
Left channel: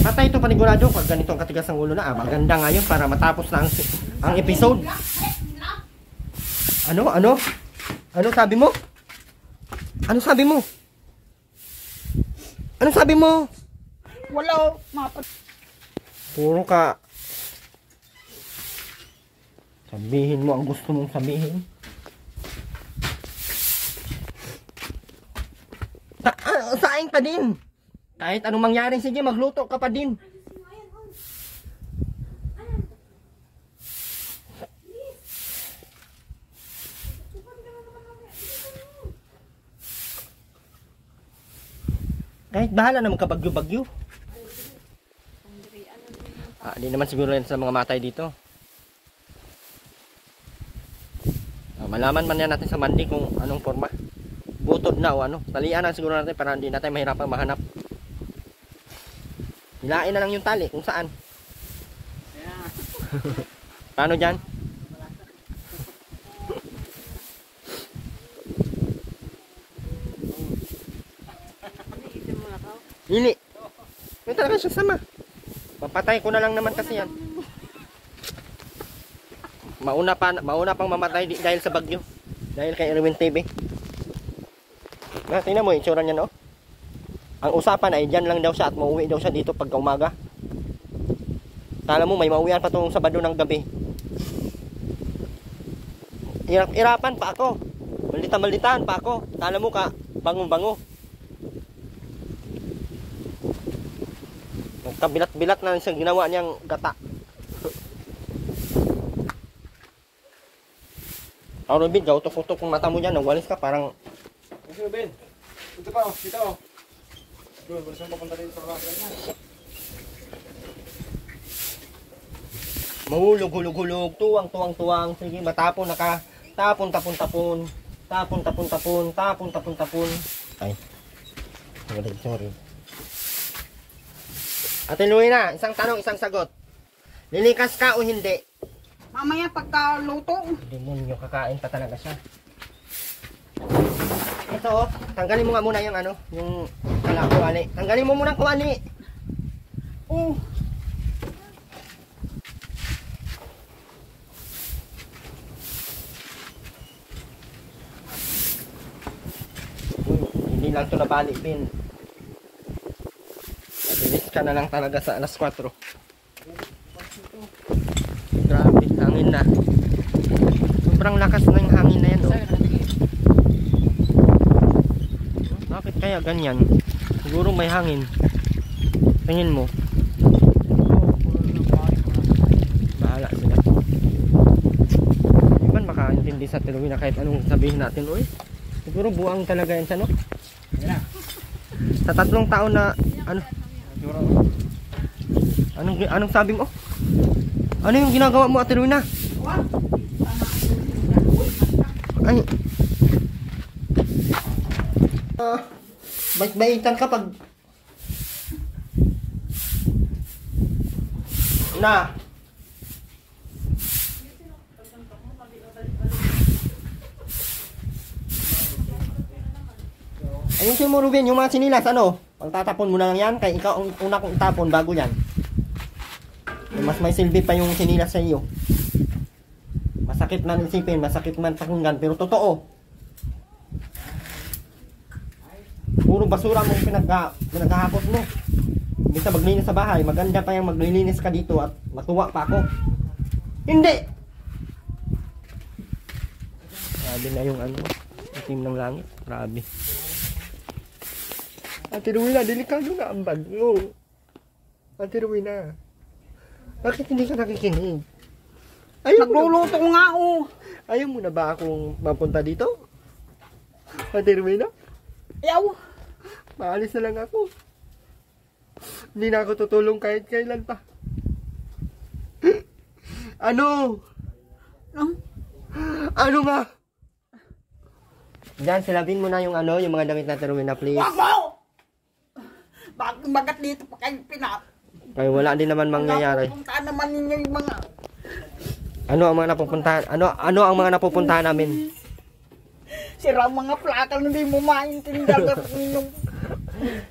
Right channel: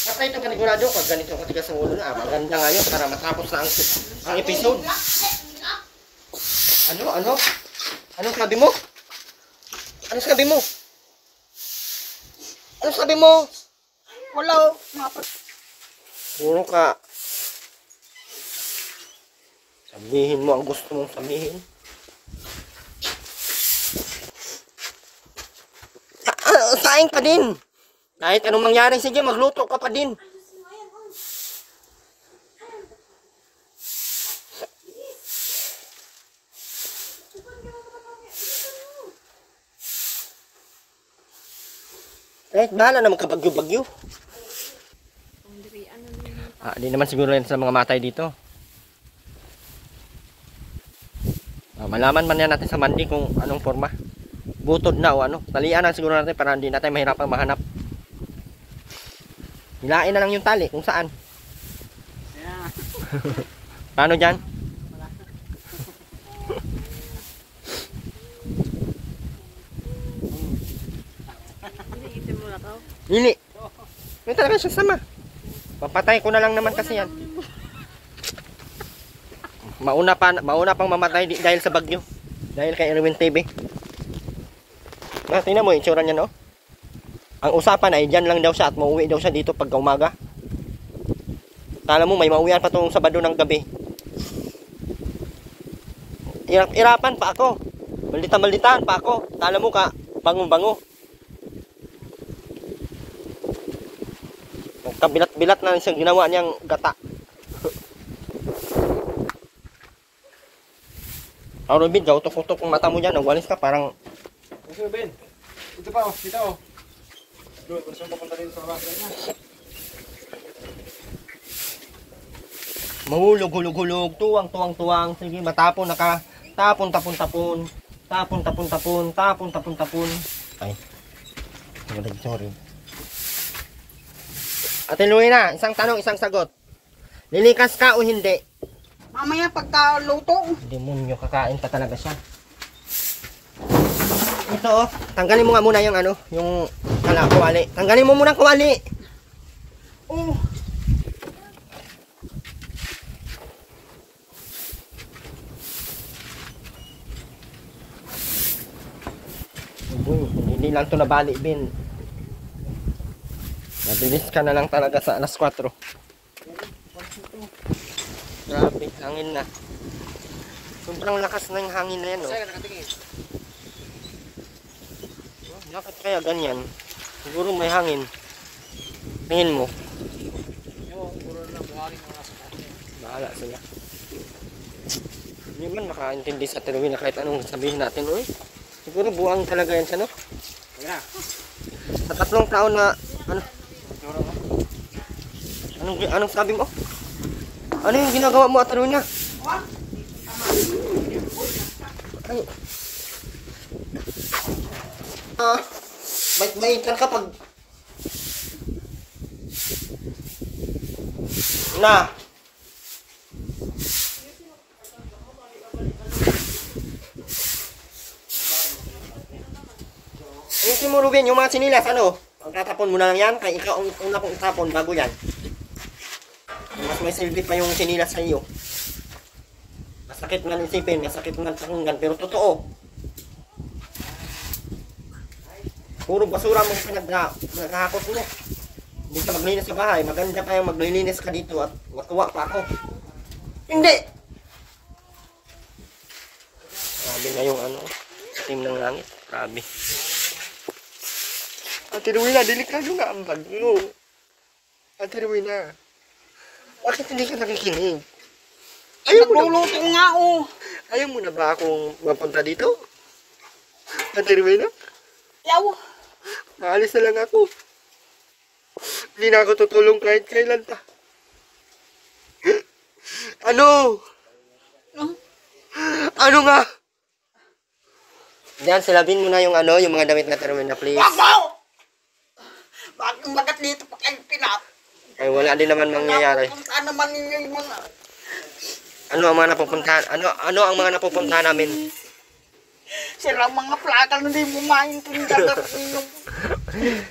Patay ito panigurado pag ganitong katigas ang ulo na. Maganda nga yun para matapos na ang episode. Ano? Ano sabi mo? Ano sabi mo? Ano sabi mo? Wala. Puro ka. Sabihin mo ang gusto mong sabihin. Saing pa din. Kahit anong mangyari, sige, magluto ka pa din. Kahit bahala naman ka bagyo-bagyo. Di naman siguro yan sa mga matay dito. Malaman man yan natin sa mandi kung anong forma. Butod na o ano. Talian na siguro natin para hindi natin mahirapang mahanap. Hilain na lang yung tali kung saan. Paano dyan? Hili. May talaga siya sama. Papatay ko na lang naman kasi yan. Mauna pang mamatay dahil sa bagyo. Dahil kay Erwin TV. Tingnan mo yung itsura niya, no? Ang usapan ay dyan lang daw siya at mauwi daw siya dito pagka umaga. Kala mo may mauwian pa itong Sabado ng gabi. Irapan pa ako. Maldita-malditaan pa ako. Kala mo ka, bango-bango. Nagkabilat-bilat na siya ginawa niyang gata. Robin, gautok-utok kung mata mo dyan. Nawalis ka parang... Ben, ito pa, dito. Doon, gusto mo papunta dito sa labas. Mahulog-hulog-hulog, tuwang-tuwang-tuwang. Sige, matapon, tapon-tapon-tapon. Tapon-tapon-tapon. Ay, sorry. Ate Luina, isang tanong, isang sagot. Lilikas ka o hindi? Mamaya pagka luto. Demonyo, kakain ka talaga siya. Ito, tanggalin mo nga muna yung ano, yung kuwali. Tanggalin mo muna ang kuwali. Oh. Hindi lang ito nabali, Ben. Mabilis ka na lang talaga sa alas 4. Grabe, hangin na. Sobrang lakas na yung hangin na yan, no? Bakit kaya ganyan? Siguro may hangin. Tingin mo. Bahala sila. Hindi man makaintindi sa Terwin na kahit anong sabihin natin, uy. Siguro buang talaga yan siya, no? Sa 3 taon na, ano? Anong sabi mo? Ano yung ginagawa mo, Ate Rowena? Ay. Bait-baitan ka pag Na. Ayusin mo, Ruben, yung mga sinilas, ano? Pagtatapon mo na lang yan, kaya ikaw ang una kong itapon bago yan. Mas may silbi pa yung sinilas sa iyo. Masakit man isipin, masakit man pakinggan, pero totoo. Puro basura mong pinaghahakot mo. Hindi sa maglinis sa bahay, maganda pa yung maglilinis ka dito at matuwa pa ako. Hindi! Grabe na yung ano, itim ng langit. Grabe. Ate Rowena, delikado nga ang bag mo. Ate Rowena, bakit hindi ka nakikinig? Nagluluto nga oh. Ayaw mo na ba akong mapunta dito? Ate Rowena, Ayaw. maalis na lang ako. Hindi na ako tutulong kahit kailan pa. Ano? Ano nga? Diyan, silabin mo na yung ano, yung mga damit na Rowena, please. Wag mo! Bakit magat dito pa kayo pinap? Ay, wala din naman mangyayari. Pupuntaan naman ninyo yung mga... Ano ang mga napupuntahan? Ano ang mga napupuntahan namin? Sira mga plakal na di mo maintindihan.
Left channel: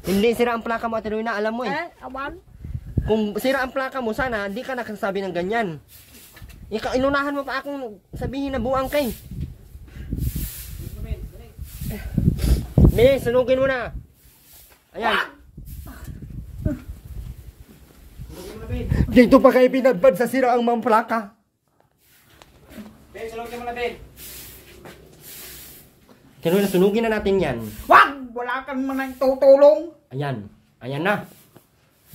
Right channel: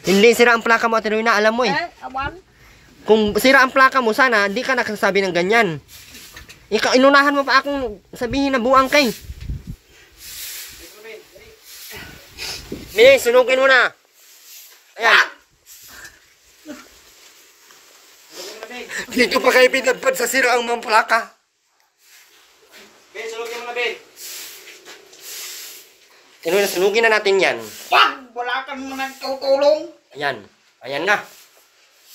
Hindi sira ang plaka mo, Ate Rowena, alam mo eh. Awan? Kung sira ang plaka mo, sana hindi ka nakasabi ng ganyan. Ikaw, inunahan mo pa akong sabihin na buang kay. Bilis, sunugin mo na. Ayan. Dito pa kayo pinadpad sa sira ang mga plaka. Ben, sulogin mo na, Ben. Sunugin na natin yan. Wag! Wala kang mga tutulong. Ayan. Ayan na.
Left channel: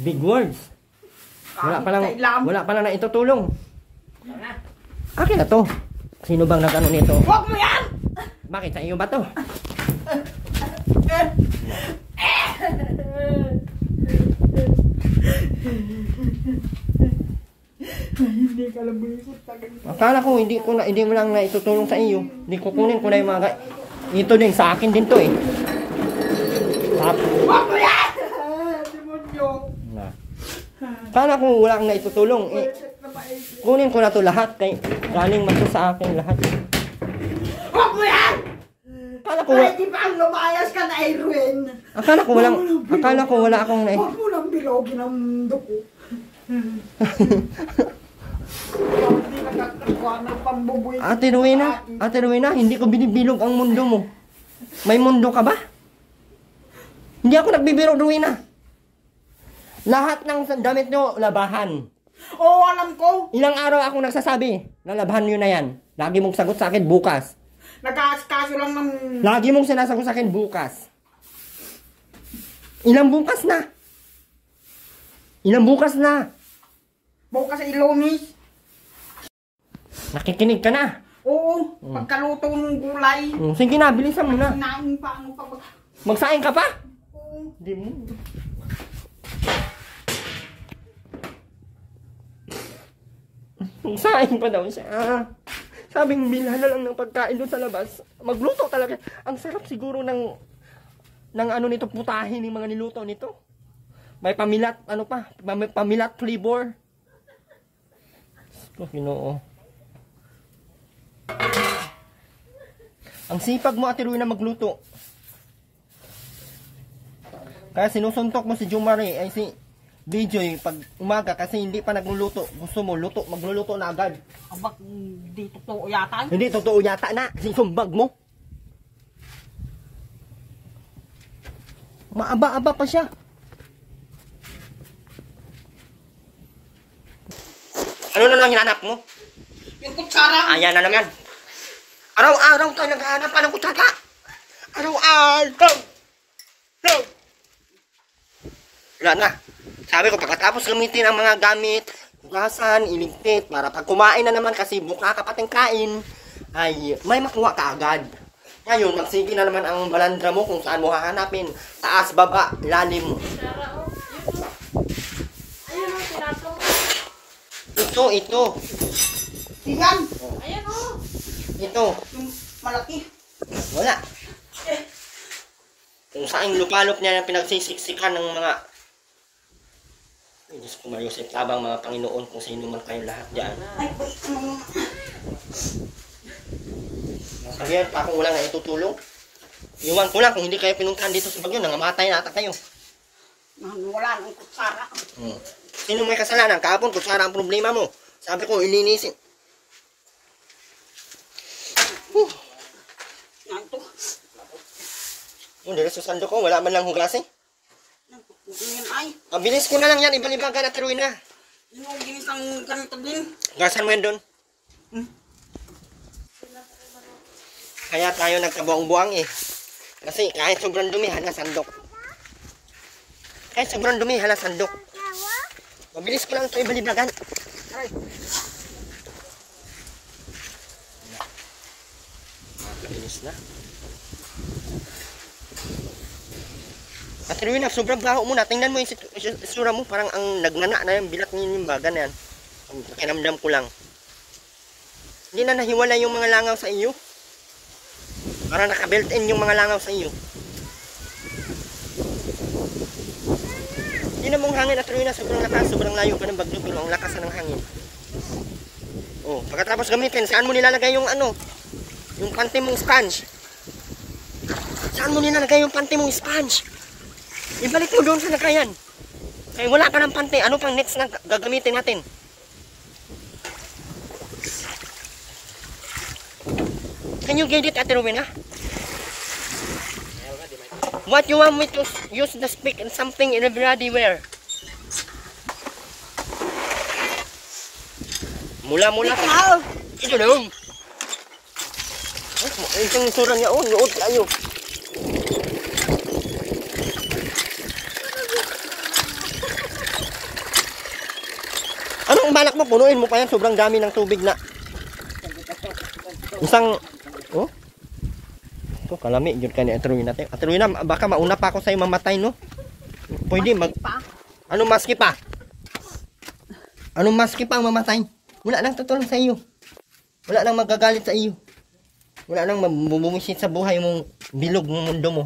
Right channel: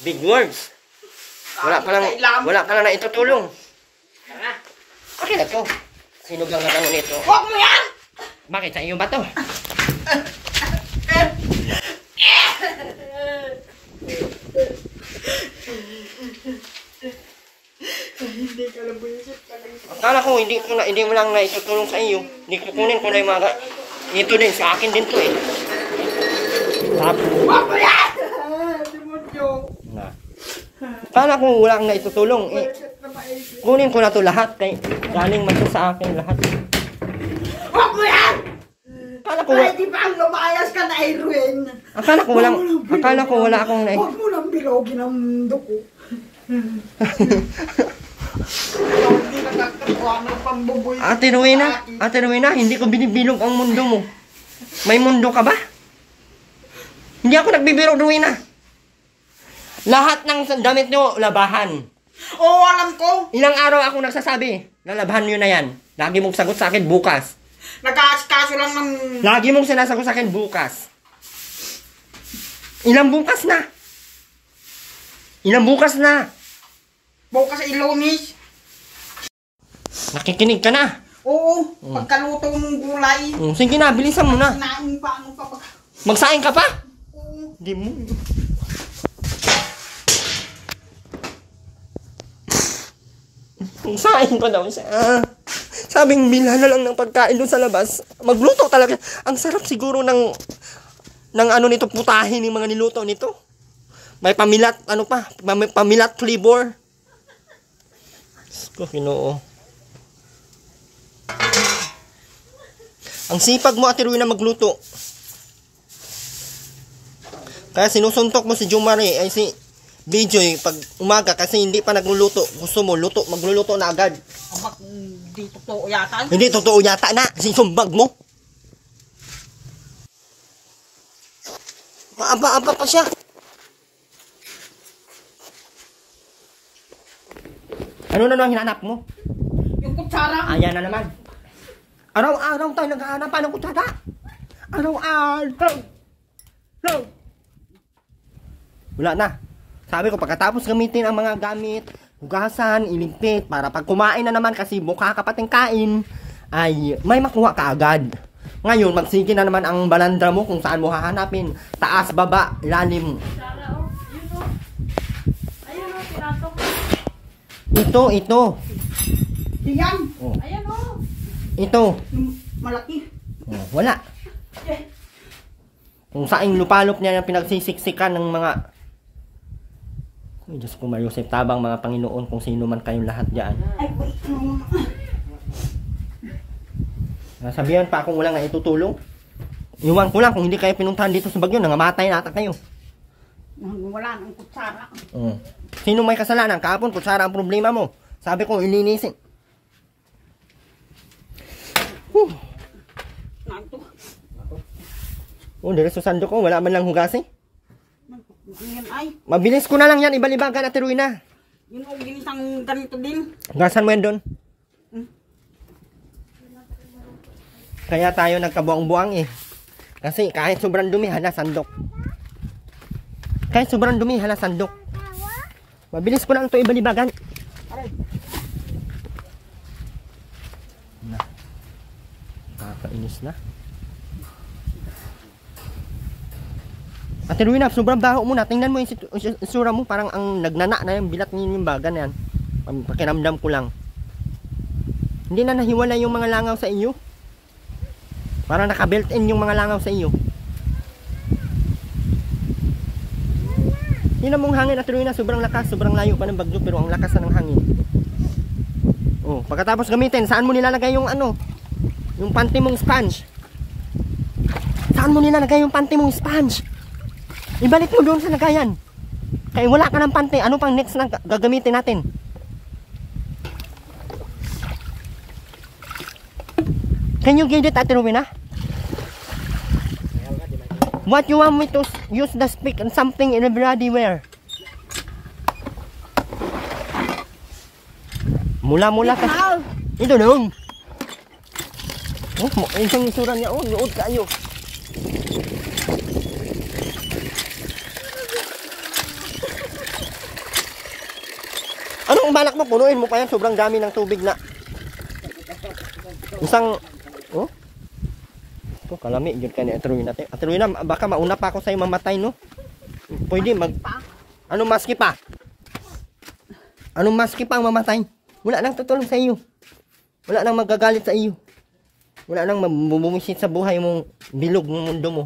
Big words. Wala pa lang na itutulong. Akin na to. Sino bang nagano nito? Wag mo yan! Bakit sa iyo ba to? Hindi ka lang buisit talaga. Akala ko hindi mo lang na itutulong sa iyo. Hindi kukunin ko na yung mga ito din sa akin din to eh. Wag mo yan! Demonyo. Na. Akala ko wala kang na itutulong eh. Kunin ko na to lahat kay galing man to sa akin lahat. Wag mo yan! Ay, di ba ang lumayas ka na, Irwin? Akala ko wala akong na. Huwag mo nang bilogin ang duko. Hindi nakakatuwa ng pambuboy. Ate Rowena, hindi ko binibilog ang mundo mo. May mundo ka ba? Hindi ako nagbibiro, Rowena. Lahat ng damit nyo, labahan. Oo, alam ko. Ilang araw ako nagsasabi, lalabahan nyo na yan. Lagi mong sagot sa akin bukas. Nag-aaskaso lang ng... Lagi mong sinasagot sa akin bukas. Ilang bukas na? Ilang bukas na? Bukas sa Ilonis. Nakikinig ka na. Oo, pagkaluto ng gulay. Sige na, bilisan mo na. Kinain pa, ano pa ba? Magsaing ka pa? Oo. Hindi mo. Magsaing pa daw siya. Sabing bilhan na lang ng pagkain doon sa labas. Magluto talaga. Ang sarap siguro ng ano nito, putahin ng mga niluto nito. May pamilat, ano pa, may pamilat flavor. Ko, Ginoo. Ang sipag mo, Ate Rowena, magluto. Kaya sinusuntok mo si Jumare, ay si Bijoy pag umaga kasi hindi pa nagluluto. Gusto mo, magluluto na agad. Abak, di totoo yata. Hindi totoo yata na, sinumbag mo. Maaba-aba pa siya. Ano na lang hinanap mo? Yung kutsara. Ayan na naman. Araw-araw tayo naghahanap ng kutsara. Araw-araw. No. Wala na. Sabi ko, pagkatapos gamitin ang mga gamit, hugasan, iligpit, para pag kumain na naman kasi mukha ka pating kain, ay may makuha ka agad. Ngayon, magsige na naman ang balandra mo kung saan mo hahanapin. Taas, baba, lalim. Ito. Diyan. Oh. Ayan o. Ito. Yung malaki. Oh, wala. Kung saan lupalop niya yung pinagsisiksikan ng mga Ay, Diyos ko, Mariusip, tabang mga Panginoon kung sino man kayong lahat dyan. Ay, Nasabihan pa akong wala nga itutulong. Iwan ko lang kung hindi kayo pinuntahan dito sa Bagyo, nangamatay na ata kayo. wala nang kutsara. Sino may kasalanan? Kahapon, kutsara ang problema mo. Sabi ko, ilinisin. Nanto. Diretso sando ko, wala man lang hugasin. Yan ay. Mabilis ko na lang yan, ibalibagan at tiruin na. Yun ang ginisang ganito din. Hugasan mo yan doon. Kaya tayo nagkabuang-buang eh. Kasi kahit sobrang dumi, hala sandok. Kahit sobrang dumi, hala sandok. Mabilis ko lang ito ibalibagan. Aray. Nakakainis na. Ate Ruina, sobrang baho mo na. Tingnan mo yung isura mo. Parang ang nagnana na yung bilat ng baga na yan. Pakiramdam ko lang. Hindi na nahiwala yung mga langaw sa iyo. Parang naka-built in yung mga langaw sa iyo. Tingnan mo ang hangin, Ate Ruina. Sobrang lakas. Sobrang layo pa ng Bagyo. Pero ang lakas na ng hangin. Oh, pagkatapos gamitin, saan mo nilalagay yung ano? Yung panty mong sponge. Saan mo nilalagay yung panty mong sponge? Ibalik mo doon sa lagayan. Kaya wala ka ng pante. Ano pang next na gagamitin natin? Can you get it, Ate Rowena? What you want me to use the stick and something in everybody wear? Mula-mula ka. Ito lang. Isang isura niya. Oh, nood kayo. Anong balak mo? Punuin mo pa yan. Sobrang dami ng tubig na. Isang... Oh? Ito, kalami. Diyan ka ni Ate Rowena. Ate Rowena, baka mauna pa ako sa'yo mamatay, no? Pwede mag... Anong maski pa? Anong maski pa ang mamatay? Wala nang tutulong sa iyo. Wala nang magagalit sa iyo. Wala nang mabumisit sa buhay mong bilog ng mundo mo.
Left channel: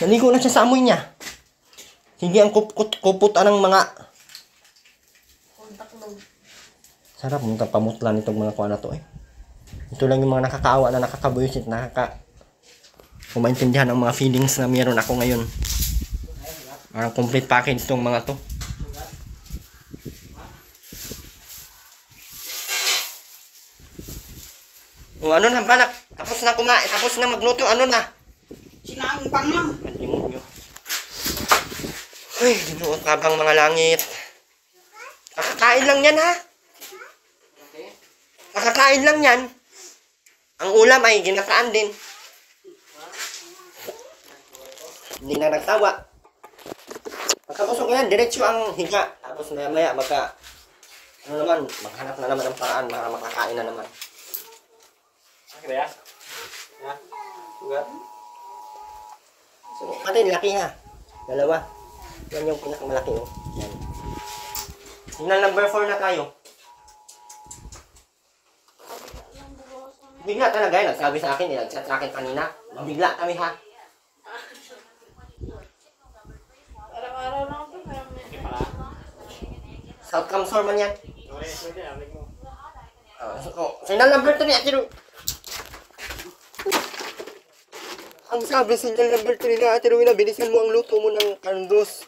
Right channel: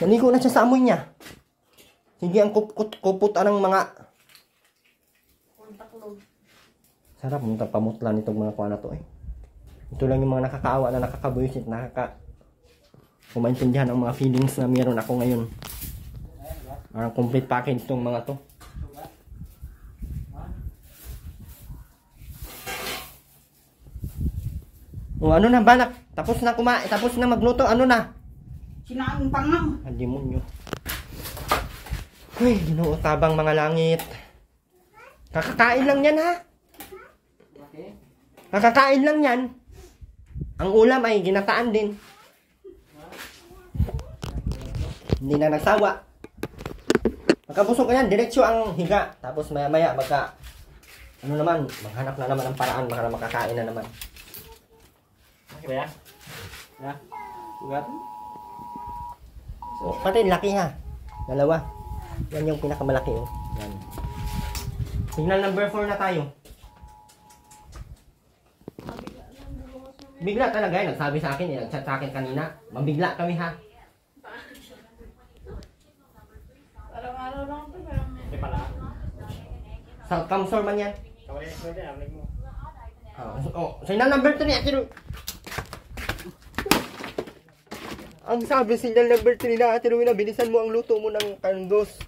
Naligo na siya sa amoy niya. Sige ang kuputan ng mga... Sarap mong pamutlan itong mga kuha na to eh. Ito lang yung mga nakakaawa na nakakabuisit, kumaintindihan ang mga feelings na meron ako ngayon. Parang complete package itong mga to. O ano na balak? Tapos na kumain, tapos na magluto, ano na? Sinaang pangam. Ang demonyo. Ay, dinuot tabang mga langit. Kakakain lang yan ha? Kakakain lang yan. Ang ulam ay ginataan din. Hindi na nagsawa. Pagkabusog ko yan, diretso ang higa. Tapos maya-maya ano naman, maghanap na naman ng paraan para makakain na naman. Kaya? Ya? Ugat? So, pati laki ha. Dalawa. Yan yung pinakamalaki oh. Yan. Signal number 4 na tayo. Bigla talaga yan. Nagsabi sa akin, nag-chat sa akin kanina. Mabigla kami ha. Araw-araw lang ito. Hindi pala. South Camsor man yan. Kawari, sunod yan. Alig mo. Signal number 3 Ate Ru. Ang sabi, signal number 3 na Ate Rowena, bilisan mo ang luto mo ng kandos.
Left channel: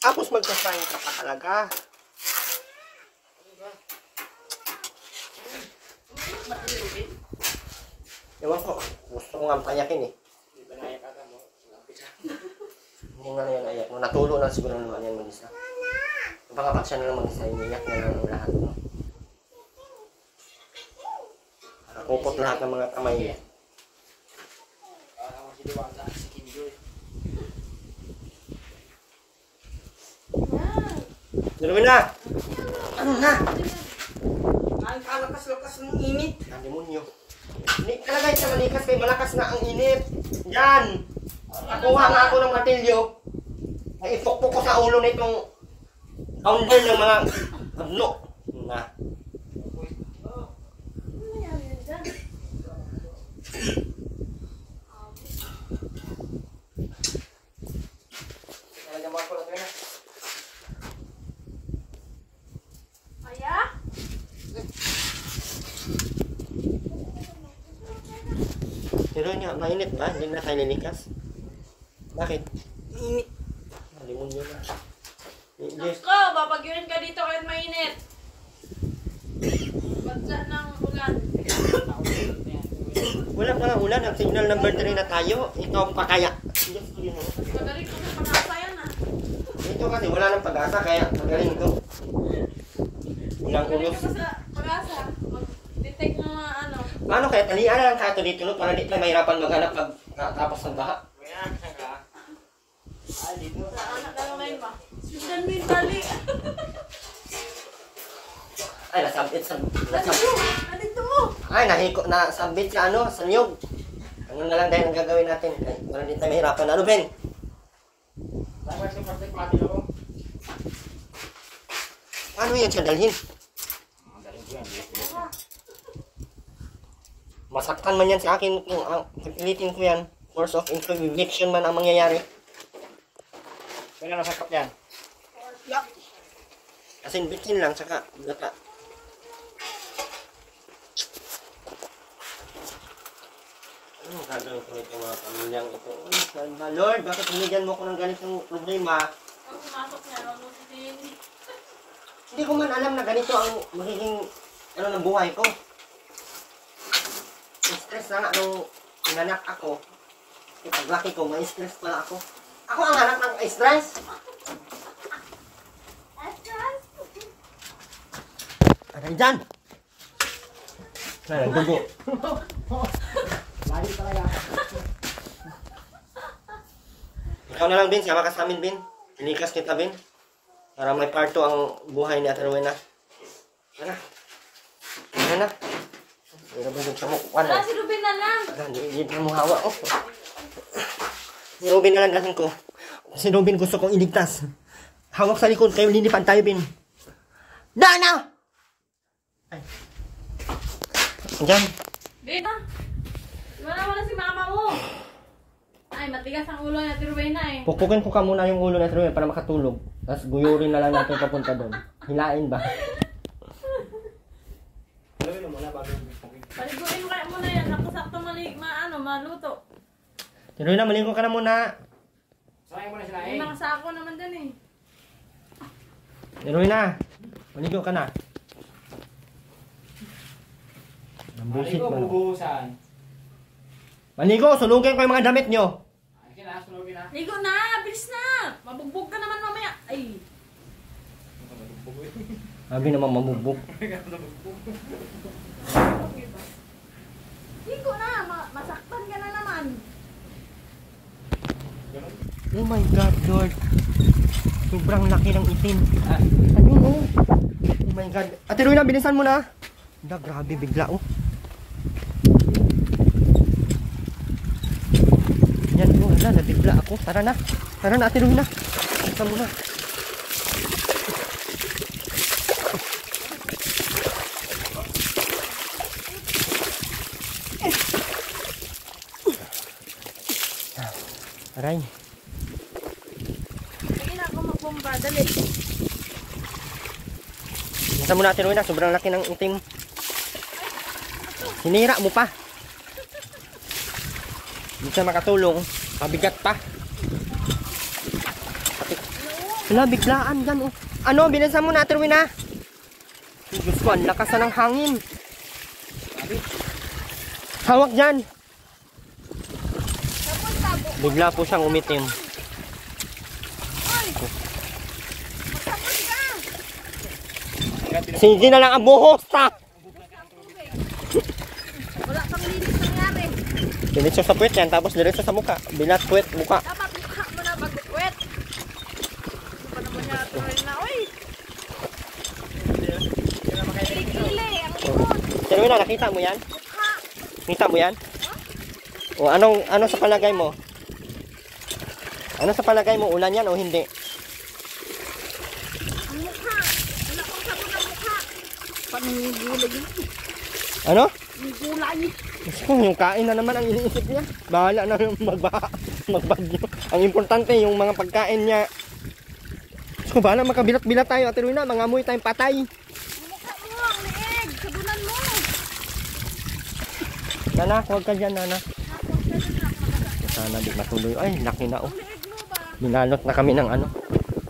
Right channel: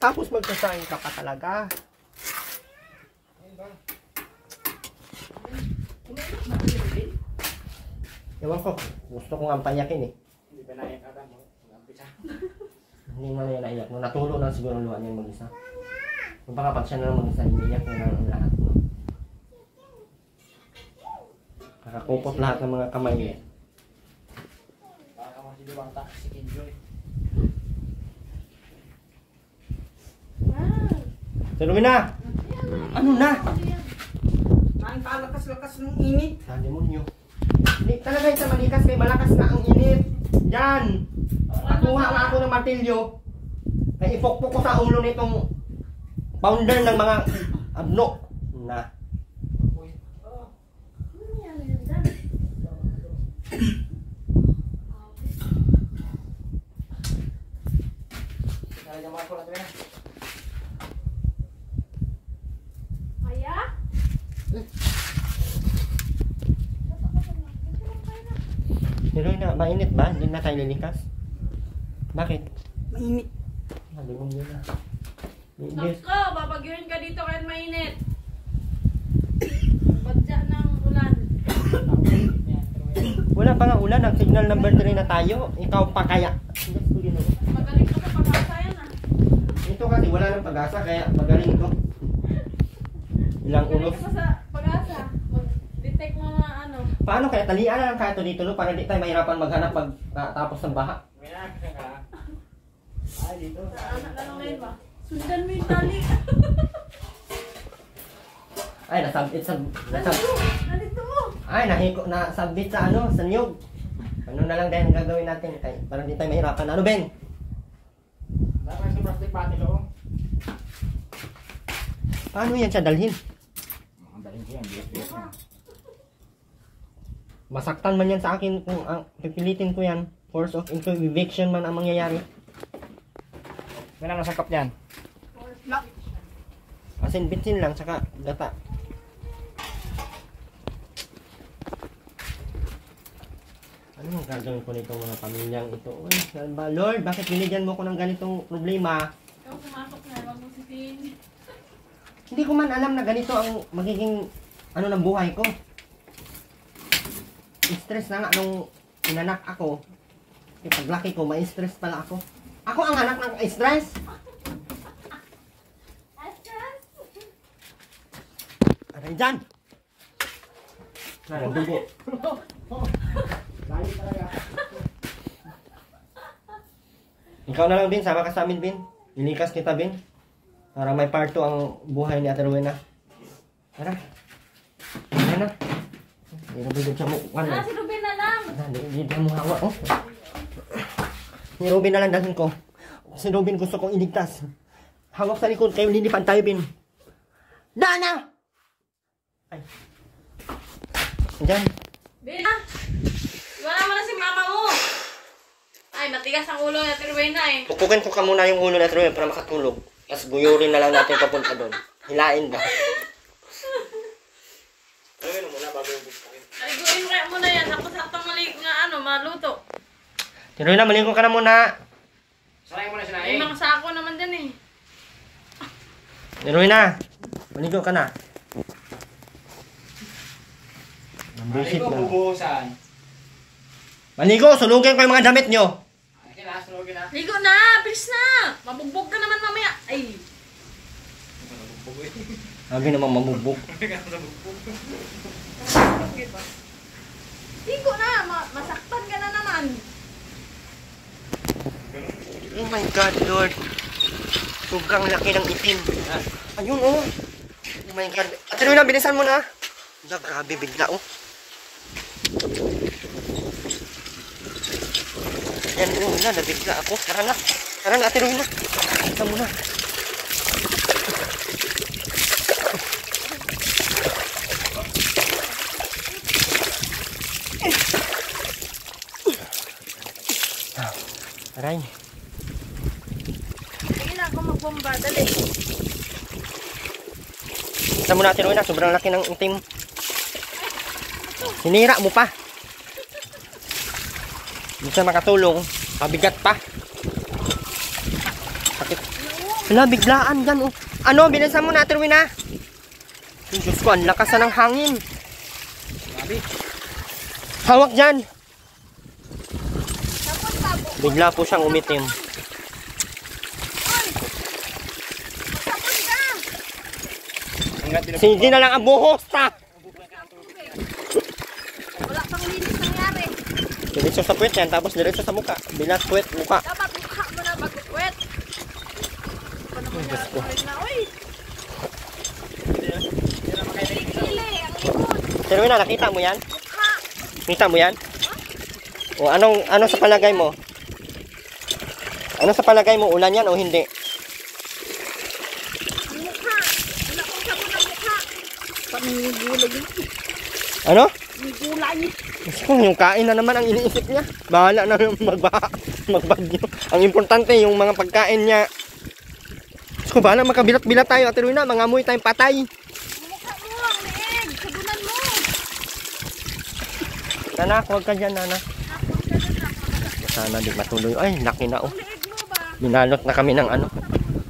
Tapos magsasaing ka pa talaga. Ewan ko, gusto ko nga payakin eh. Hindi ba naiyak ka mo? Hindi nga na yan naiyak. Nung natulo na siguro naman yan mag-isa. Yung baka pag siya na lang mag-isa, iniyak na lang ang lahat. No? Nakakupot lahat ng mga kamay niya. Baka mo si Diwata, si Kinjoy. Sino na? Ano na? Ang kalakas-lakas ng init. Na demonyo. Hindi talaga yung sa malikas kay malakas na ang init. Yan. Nakuha nga ako ng martilyo. Ay ipokpok ko sa ulo nitong founder ng mga abno. Na. kanya mga kulat ka na. Aya? Pero na, mainit ba? Hindi na tayo lilikas? Bakit? Init. Malimon yun na. Yes. Nako, babagyunin ka dito kahit mainit. Badya ng ulan. Wala pa nga ulan. Ang signal number 3 na tayo. Ikaw pa kaya. Yes, yun, oh. Magaling ko sa pag-asa yan ah. Ito kasi wala ng pag-asa kaya magaling ito. Ulang Magaling ulos. ka sa pag-asa. Mag-detect mo nga ano. Paano kaya talian na lang kato dito no? Para di tayo mahirapan maghanap pag tapos ng baha. Ay, dito. Sa anak na lang ngayon ba? Sundan mo yung tali. Ay, nasabit sa... Nandito mo. Ay, nasabit sa ano, sa niyog. Ano na lang dahil ang gagawin natin? Ay, para di tayo mahirapan. Ano, Ben? Dapat sa plastic pati lo. Paano yan siya dalhin? Ang dahil ko yan. Masaktan man yan sa akin kung pipilitin ko yan. Force of eviction man ang mangyayari. Kailan nasakap yan? Lock. Asin bitsin lang, saka gata. Ano ang gagawin ko nitong mga pamilyang ito? Uy, salva, Lord, bakit binigyan mo ko ng ganitong problema? Nung pumasok na, huwag mo sisihin. Hindi ko man alam na ganito ang magiging ano ng buhay ko. Stress na nga nung inanak ako. Paglaki ko, may stress pala ako. Ako ang anak ng stress. Aray dyan! Aray, dugo. Lagi talaga. Ikaw na lang, Bin. Sama ka sa amin, Bin. Ilikas kita, Bin. Para may parto ang buhay ni Ate Rowena. Tara. Tara na. Hindi na ba siya mo? Wala si Ruben na lang. Hindi na mo hawa, oh. Si Robin na lang dahin ko. Si Robin gusto kong iligtas. Hawak sa likod kayo, lilipad tayo, Bin. Dana! Ay. Diyan. Ben ah. Iwala mo na si mama mo. Ay, matigas ang ulo ni Ate Rowena eh. Pukukin ko ka muna yung ulo na Rowena para makatulog. Tapos guyurin na lang natin papunta doon. Hilain ba? Paliguin mo kaya muna yan. Tapos sakto malik na ano, maluto. Rowena, maligo ka na muna. Sarayin mo na May sinaing. mga sako naman din eh. Rowena, maligo ka na. Bullshit Maligo, na. bubuhusan. Maligo, sunugin ko yung mga damit nyo. Ay, kailangan sunugin na. Ligo na! Bilis na! Mabugbog ka naman mamaya. Ay! Sabi namang mamubok. Ligo na! Masaktan ka na naman. Oh my God, Lord. Sobrang laki ng itim. Ayun, oh. Oh my God. Ate Rowena, bilisan mo na. Anda, grabe, bigla, oh. Yan, wala, nabigla ako. Tara na. Tara na, Ate Rowena. Tara na. Aray. Hindi na ako magbomba. Dali. Kita mo na, Ate Rowena, sobrang laki ng itim. Hinira mo pa. Hindi siya makatulong. Pabigat pa. Sakit. Wala, biglaan yan, oh. Ano, binasa mo na, Ate Rowena. Diyos ko, ang lakas na ng hangin. Hawak dyan. Bigla po siyang umitim. Sige na lang ang buhos, ta. Wala kang linis nangyari. Diretso sa puwet yan, tapos diretso sa muka. Bilang puwet, muka. Dapat mukha mo na mag-wet. Uy! Pero na, nakita mo yan? Nakita mo yan? O ano sa palagay mo? Ano sa palagay mo? Ulan yan o hindi? Ang mukha! Wala kong sabon ang mukha! Panigulay. Ano? Ang gulay. Gusto yung kain na naman ang iniisip niya. Bahala na yung magbagyo. Ang importante yung mga pagkain niya ko, bala makabilat-bilat tayo, Ate Rowena, mangamoy tayong patay. Mukha mo, ang leeg. Sabunan mo. Nanak, huwag ka dyan, nanak. Sana di matuloy. Ay, laki na oh. Binalot na kami ng ano.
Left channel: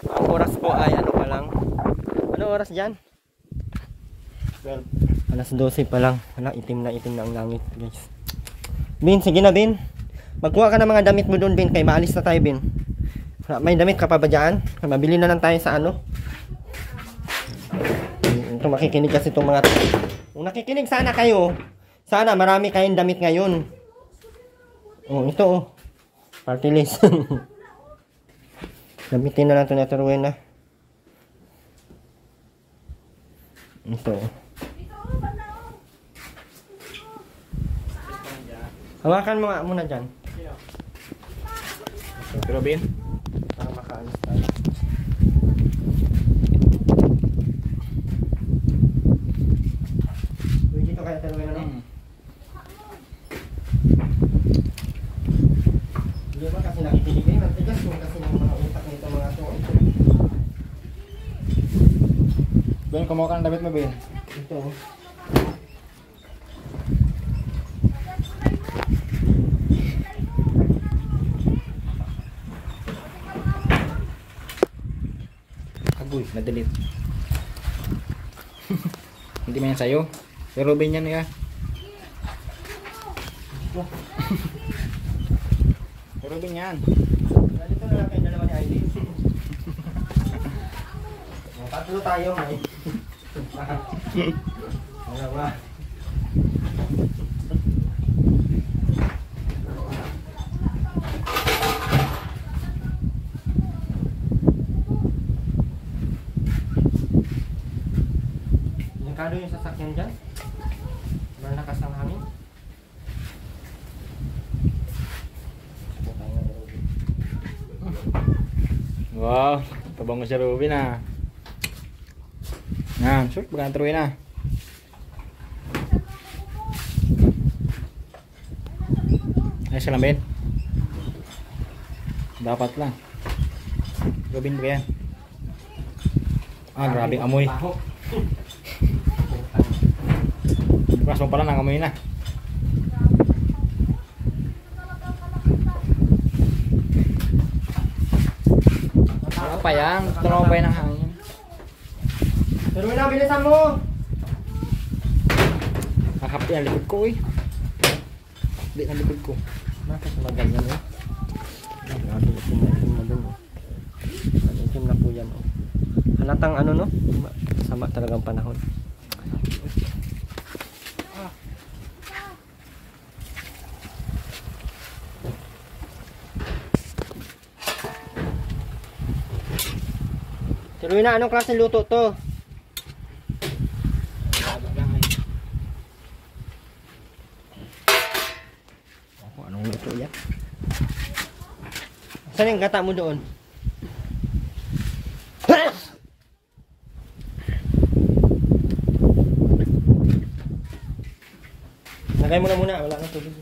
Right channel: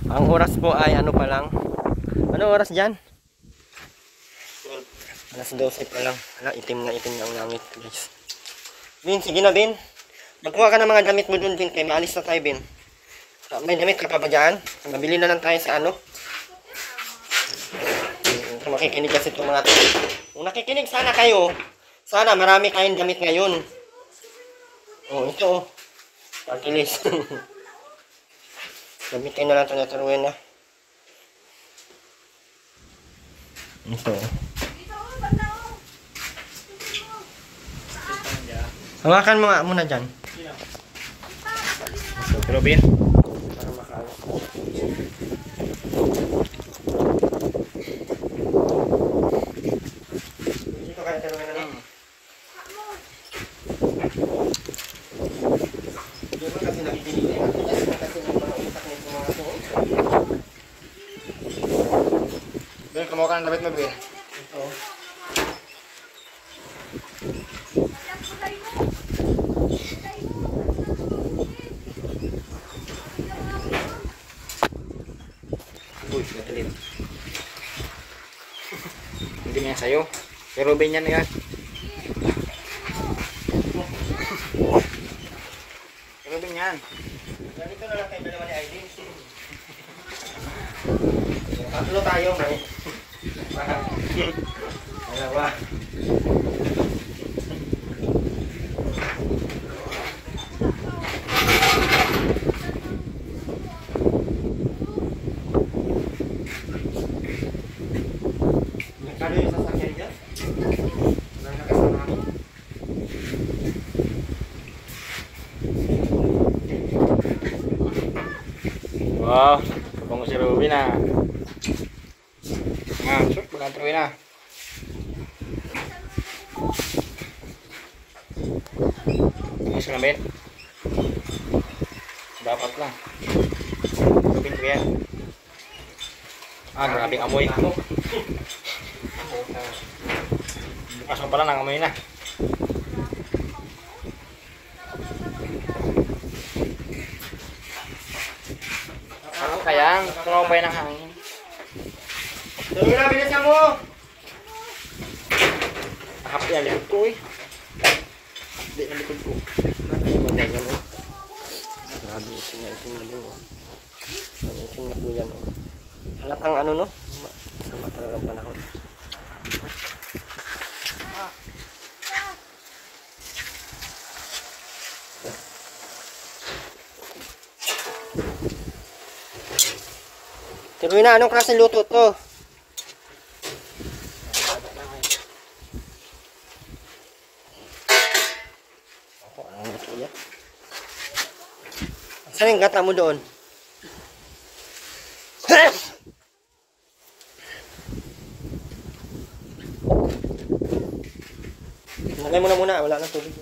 Ang oras po ay ano pa lang. Ano oras dyan? 12. Alas 12 pa lang. Wala, itim na ang langit, guys. Bin, sige na, Bin. Magkuha ka ng mga damit mo dun, Bin. Kaya maalis na tayo, Bin. May damit ka pa ba dyan? Mabili na lang tayo sa ano. Ito makikinig kasi itong mga... Kung nakikinig sana kayo, sana marami kayong damit ngayon. Oh, ito oh. Party list. Gamitin na lang ito na ito, Rowena. Ito oh. Hawakan mo nga muna dyan. Pero Bin, Dito kaya ito, Rowena. Hindi ko kasi nakikinig eh. Kasi mga utak nito mga ito. Ben, kumuha ka ng damit mo, Ben. Ito oh. Agoy, nadilim. Hindi mo yan sa'yo. Pero Ben yan yan. Pero Ben yan. Ganito na lang kayo dalawa ni Aileen. Tatlo tayo, may. Dalawa. Nakalo yung sasakyan dyan? Parang nakasama namin. Wow, kabango si Ruby na. Nga, sure, pagkatuloy na. Ayos lang, Ben. Dapat lang. Ruby na kaya. Ah, grabing amoy. Bukas mo pala nang amoy na. Ano pa yan? Tumaw pa yan ng hangin. Tuloy na, bilisan mo! Nakapi ang likod ko eh. Hindi ang likod ko. Maganda mo. Grabe, itim na dun oh. Ano, itim na po yan oh. Halatang ano no? Sama talagang panahon. Tuloy na, anong klaseng luto to? Ako, anong luto yan? Saan yung gata mo doon? Lagay mo na muna, wala nang tubig.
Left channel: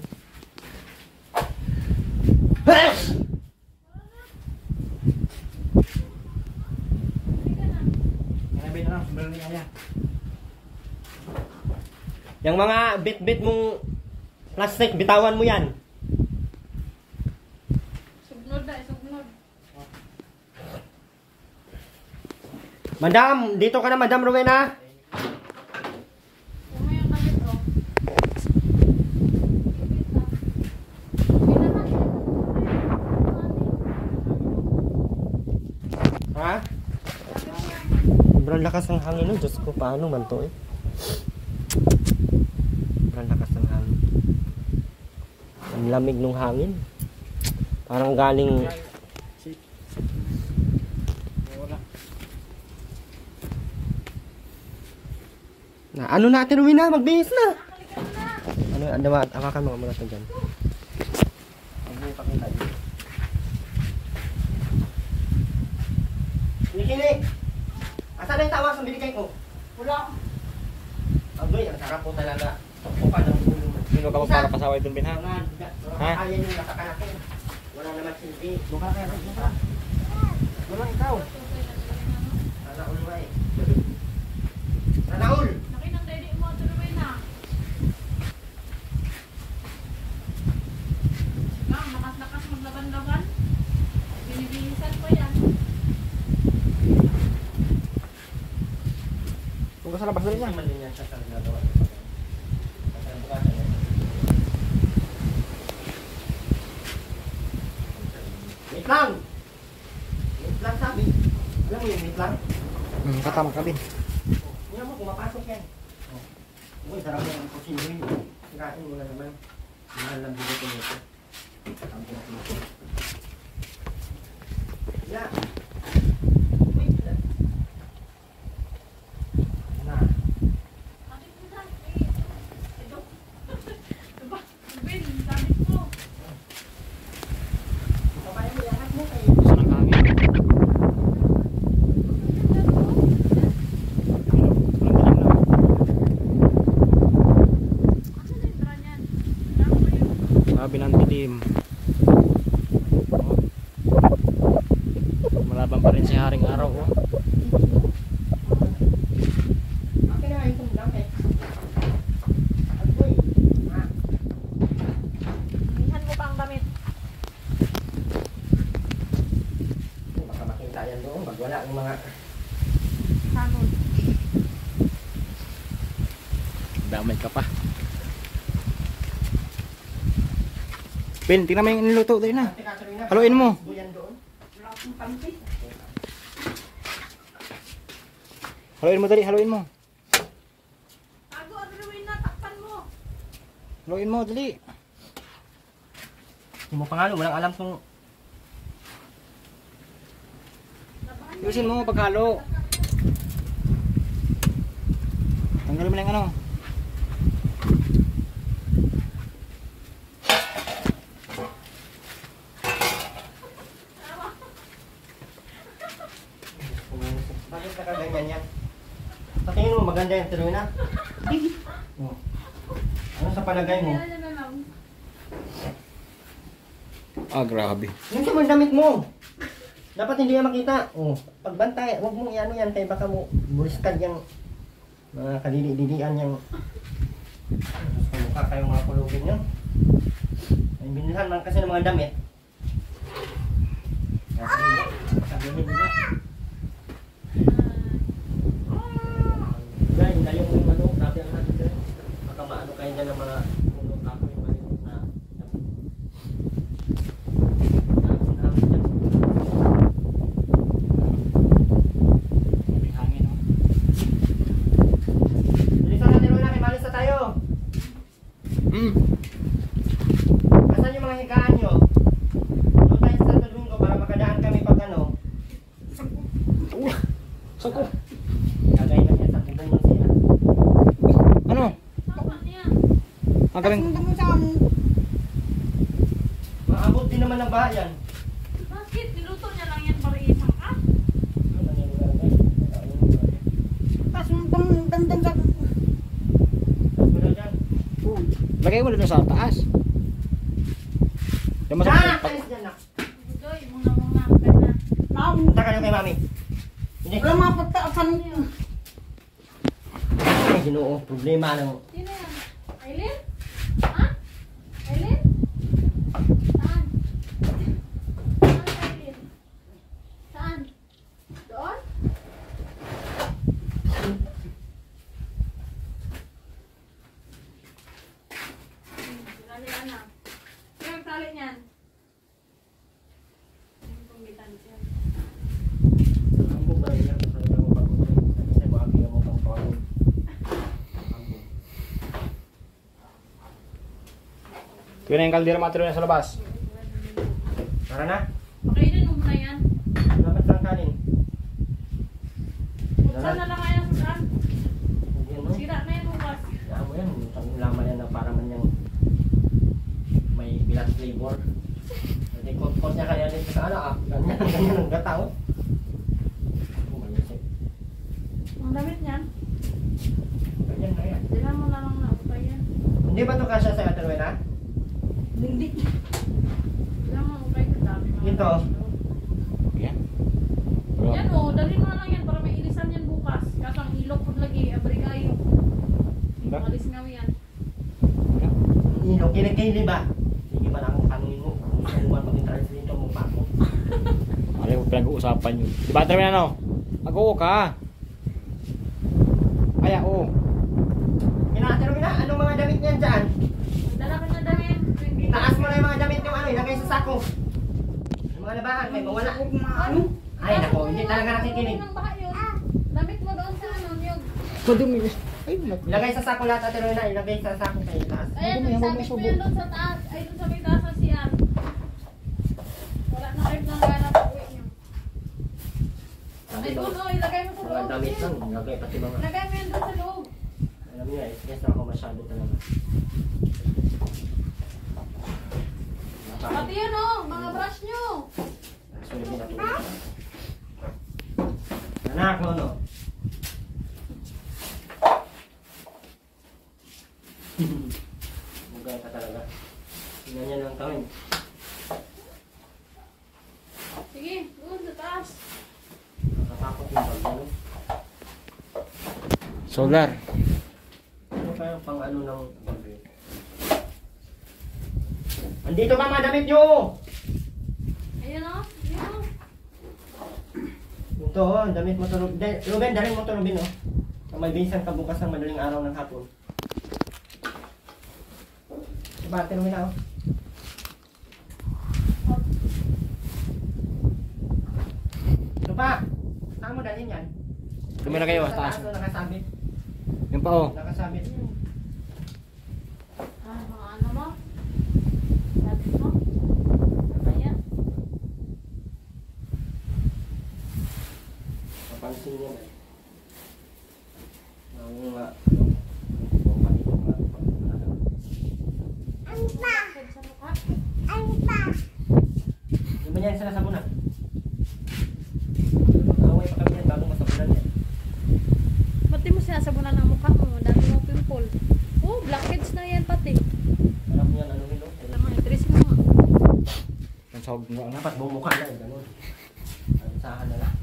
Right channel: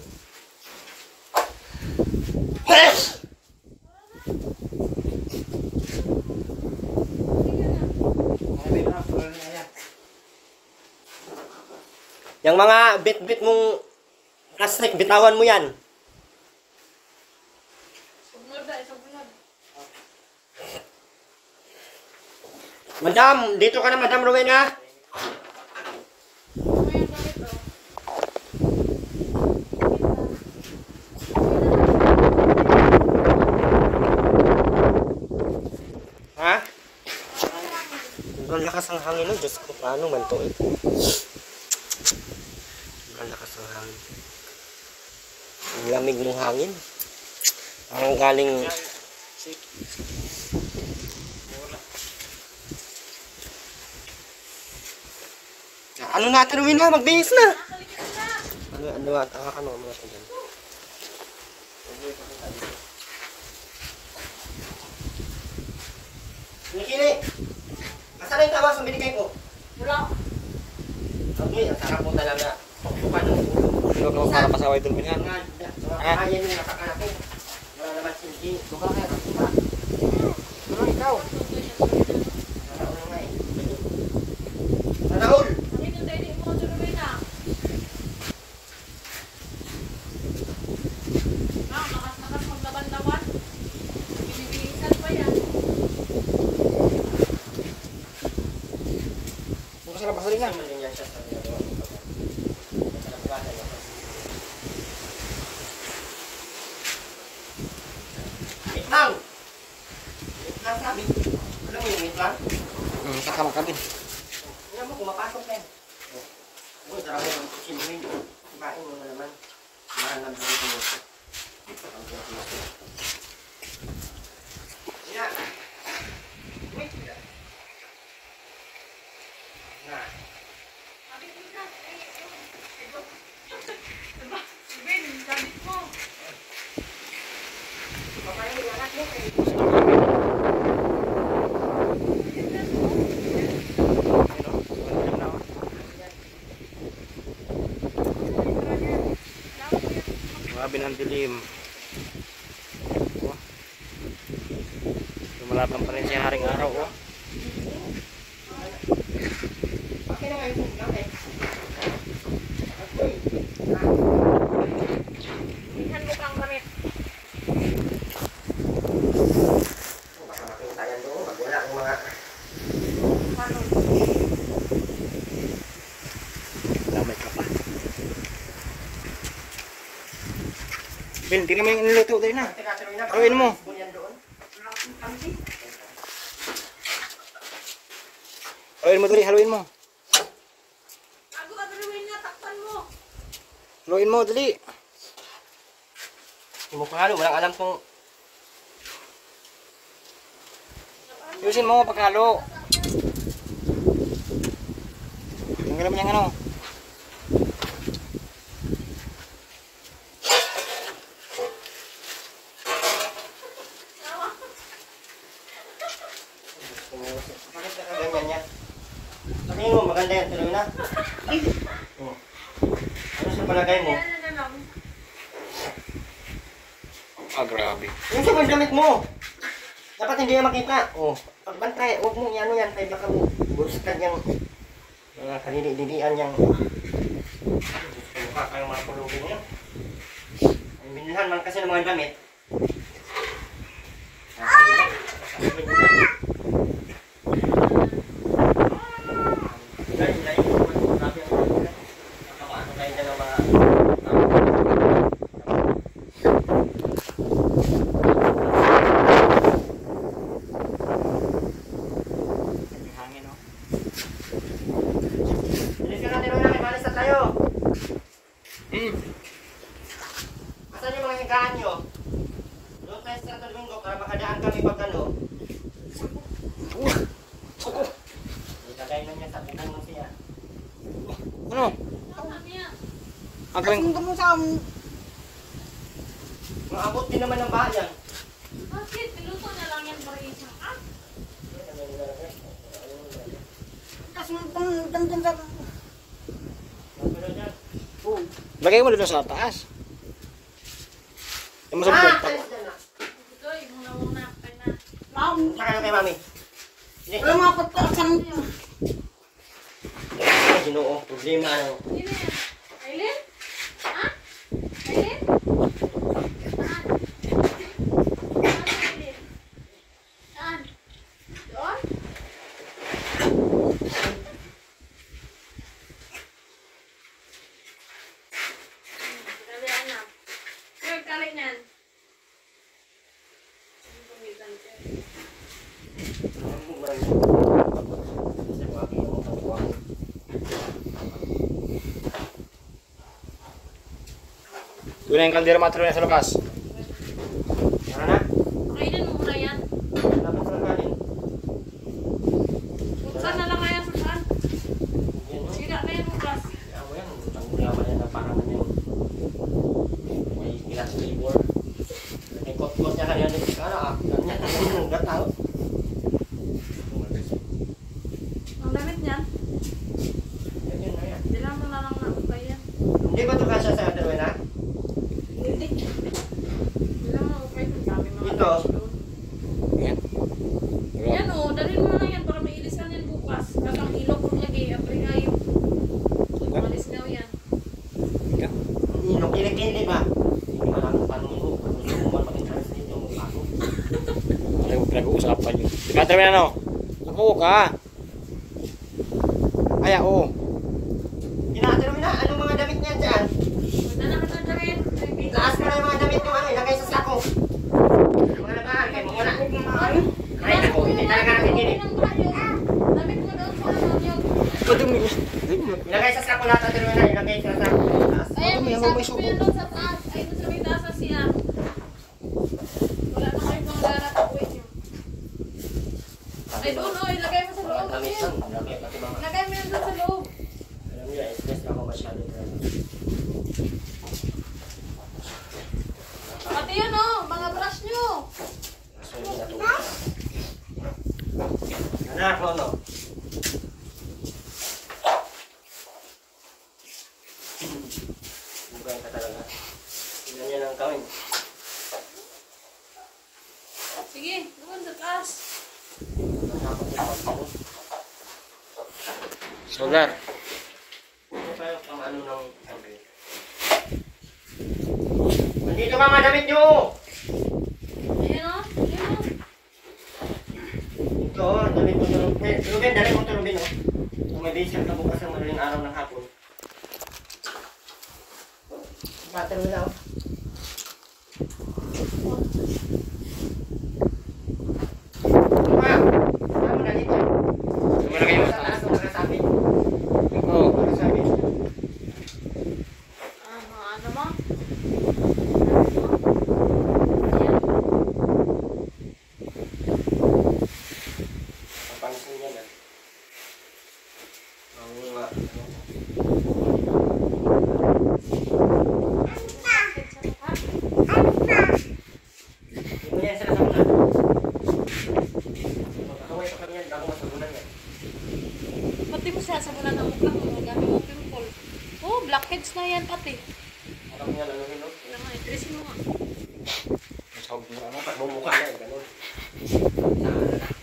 Yung mga bit-bit mong plastic, bitawan mo yan. Sugnod na, sugnod. Madam, dito ka na, Madam Rowena. Ano yung bakit oh? Ha? Sobrang lakas ang hangin no, Diyos ko, paano man to eh. Sobrang lakas ng hangin. Ang lamig ng hangin. Parang galing... Ano natin, Rowena? Magbihis na! Ano, akakan mo muna ito dyan. Nikili! Asan na yung tawas ang binigay ko? Wala. Agoy, ang sarap mo talaga. Kupan. Ikaw ka para pasaway doon, Ben, ha? Mga kaya nyo nakakanakin. Wala naman silbi. Doon ka na kaya. Doon ka. Doon lang ikaw. Sana all nga eh. Sana all! Nakita tayo mo Ate Rowena. Ma'am, nakas-nakas maglaban-laban. Binibilisan pa yan. Huwag ka sa labas rin yan. Naman din yan siya sa ginagawa. Wait lang! Wait lang sabi. Alam mo yung wait lang? Kasama ka din. Hindi mo, kumapasok yan. Uy, sarap mo ang kusinuhin. Kain mo na naman. Mahal na bigay ko nito. Yeah. Wait. Na. Ben, gamit mo. Papayin mo yung anak mo kayo. Grabe ng dilim. Lumalaban pa rin si Haring Araw. Oh. Bakit na kayo tumigam eh? Bilisan ko pang damit. Baka makita yan doon. Pag wala ang mga... Damay ka pa. Ben, tingnan mo yung niluto din na. Teka, tuloy na. Haluin mo. Yan doon. Haluin mo dali, haluin mo. Bago Ate Rowena, takpan mo. Haluin mo dali. Hindi mo pangalo. Walang alam kung... Yusin mo paghalo. Tingnan mo yung ano. Bakit nakaganyan yan? Sa tingin mo, maganda yan. Tuloy na. Oh. Ano sa palagay mo? Yan na lang. Ah, grabe. Yung sa damit mo. Dapat hindi yan makita. Oh. Pagbantay, huwag mo yan yan. Tayo baka mo burstad yung mga kalili-lilian yung mukha kayong mga kulubin yan. Ay, binilhan man kasi ng mga damit. Hangin oh. Asan yung mga higaan nyo? Doon tayo sa Santo Domingo para makadaan kami pag ano. Sako. Kagay lang yan sa bubong ng siya. Ano? Saan niya? Ang galing. Sundan mo sa amin. Maabot din naman ng bayan. Bakit? Niluto niya lang yan para isang ah? Tapos dandan sa... Oh. Lagay mo dito sa taas. Yung masarap Ah! pag... Alis dyan na. Doy, muna ka na. Ma'am, Punta kayo kay mami. Hindi. wala mga pataasan. Ay, ginoo. Problema ano. Sino yan? Aileen? Ha? Aileen? Saan? Saan Aileen? Saan? Doon? Sinalian na. Sino nagtali niyan? Ano pang gitali siya? Ang ba yun? Kasi wagi ako sa buwan. Yun na yung kaldera matro na sa labas. Tara na. Kainin mo muna yan. Dapat saan kanin? Buksan na lang kaya sa saan. Yan no? Sira na yan bukas. Kaya mo yan. Ang gulaman yan na parang ano yan. May pilat flavor. May kot-kot niya kaya nito sa ano ah. Ganyan. Ganyan ang gataw. Ang damit niyan, Ganyan na yan. dila mo na lang na upay yan. Hindi ba ito kasya sa Ate Rowena? Hindi. Dila mo upay kung dami mga Ito. damit doon. Yan. Yan o, dali Malisgaw yan. Ino, kilikili ba? Sige ba lang tanongin mo? Kung gusto mo man mag-translate mo pa ako. Ano yung pinag-uusapan nyo? Di ba, Termin, ano? Mag-oo ka. Ay, oo. Tinatiro na, anong mga damit niyan dyan? Dala ka ng damit. Taas mo na yung mga damit mo, ano, ilagay sa sako. Mga labahan, kayo mga na. Ay, ako, hindi talaga nakikinig. Damit mo doon sa ano yung... Madumi. Ilagay sa sako lahat, atiro na, ilagay sa sako. Taas. Ayan, may sabi ko yan doon sa taas. Ay, doon sa may taas na siya. Wala na kayo ng pera sa uwi niyo. Ay, doon o, ilagay mo sa Mga loob. damit man, ilagay pati mga. Ilagay mo yan doon sa loob. Alam niya, stress na ako masyado talaga. Pati yun o, mga brush nyo. So, hindi natulog. Anak, ano? Bugay ka talaga. Tingnan niya lang kami. Sige, doon sa taas. Natakot yung pag-ano. Solar. Ano pa yung pang-ano ng gabi? Nandito ka mga damit nyo! Ayan o, ayan o. Ito, damit mo to Ruben. Ruben, dali mo to Ruben, oh. Kung may basin ka bukas ng madaling araw ng hapon. Bater mo na, oh. Pa! Saan mo na dito? Tumula kayo. Sa taas, nakasabi. Yung pa, oo. Nakasabi. Ano mo? Ayan. Napansin niya na. Ang mga... Hindi mo yan sila sa muna. Magkakaway pa kami yan, bago masabulan yan. Pati mo sasabunan ang mukha mo, dami mo pimple. Oh, blackheads na yan pati. Alam niya, ano rin, no? Wala mo, itresin mo. Ang sahog mo, ano? Dapat bumukha na eh, ganun. Saan na lang.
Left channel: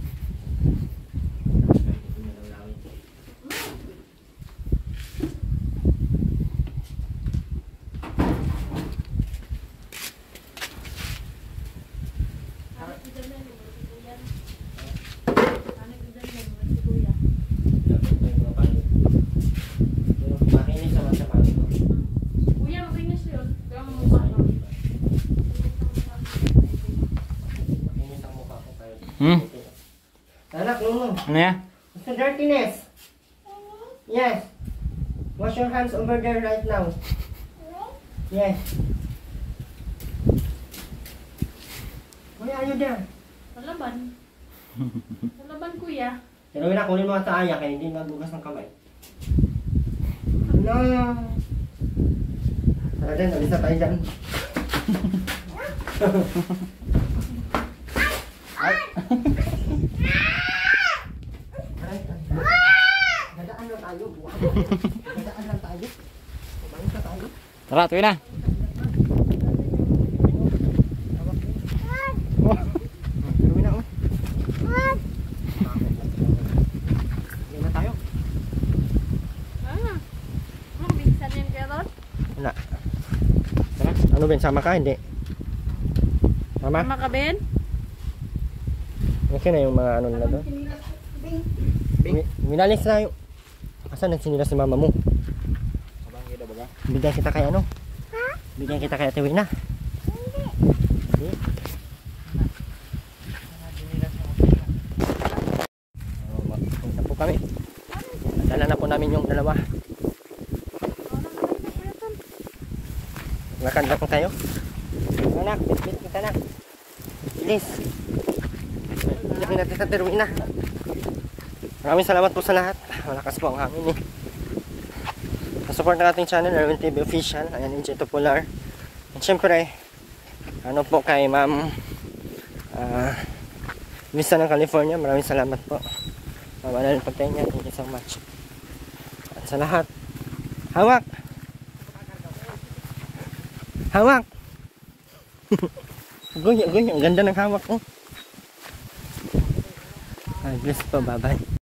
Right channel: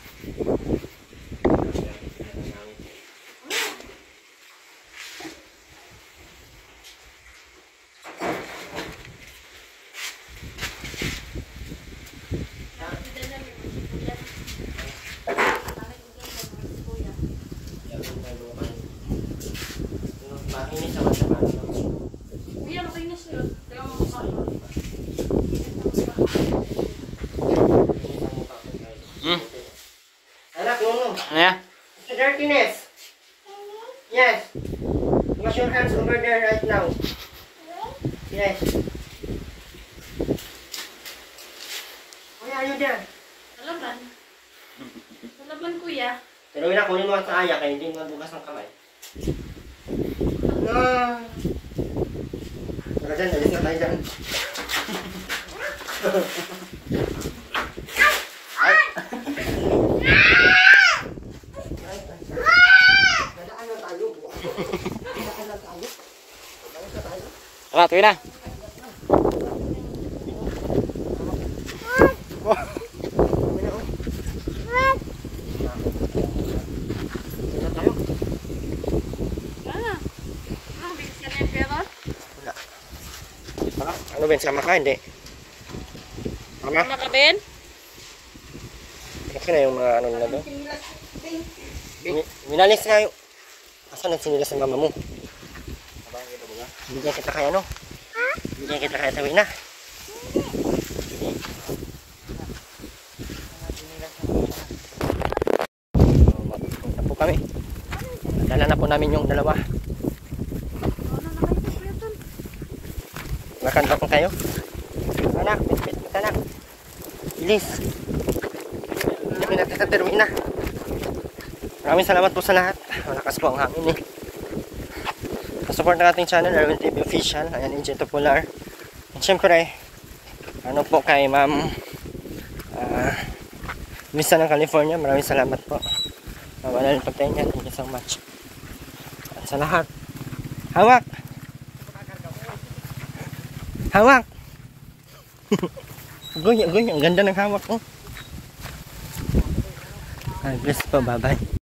Makinis naman sa baso. Kuya, makinis yun. Kaya mo mukha. Makinis ang mukha ko dahil. Hmm? Anak, Nuno. Ano yan? It's the dirtiness. Yes. Wash your hands over there right now. Yes. Why are you there? Nalaban. Nalaban, kuya. Pero wala, kunin mo sa aya kaya hindi mabugas ng kamay. No. Tara dyan, alis na tayo dyan. Ay! Dadaan lang tayo. Dadaan lang tayo. Dadaan lang tayo. Tara, tuwi na. Kami na, oh. Tuwi na tayo. Ang bilisan yan, pero? Wala. Ano Ben, sama ka? Hindi. Sama? Ano ka, Ben? Okay na yung mga ano nila doon. Minalis na yung... Asan nagsinilas si mama mo? Bigyan kita kay ano? Bigyan kita kay Tawi na. Punta po kami. Dala na po namin yung dalawa. Lakad tayo. Anak, bit-bit kita anak. Bilis. Hindi natin sa termina. Maraming salamat po sa lahat. Malakas po ang hangin eh. Support ng ating channel, Erwin TV Official. Ayan, Injeto Polar. At syempre, ano po kay Ma'am Misa ng California. Maraming salamat po. Wala rin pagtayin niya. Thank you so much. At sa lahat, hawak! Hawak! Goy, ang ganda ng hawak ko. Ay, bless po, bye-bye.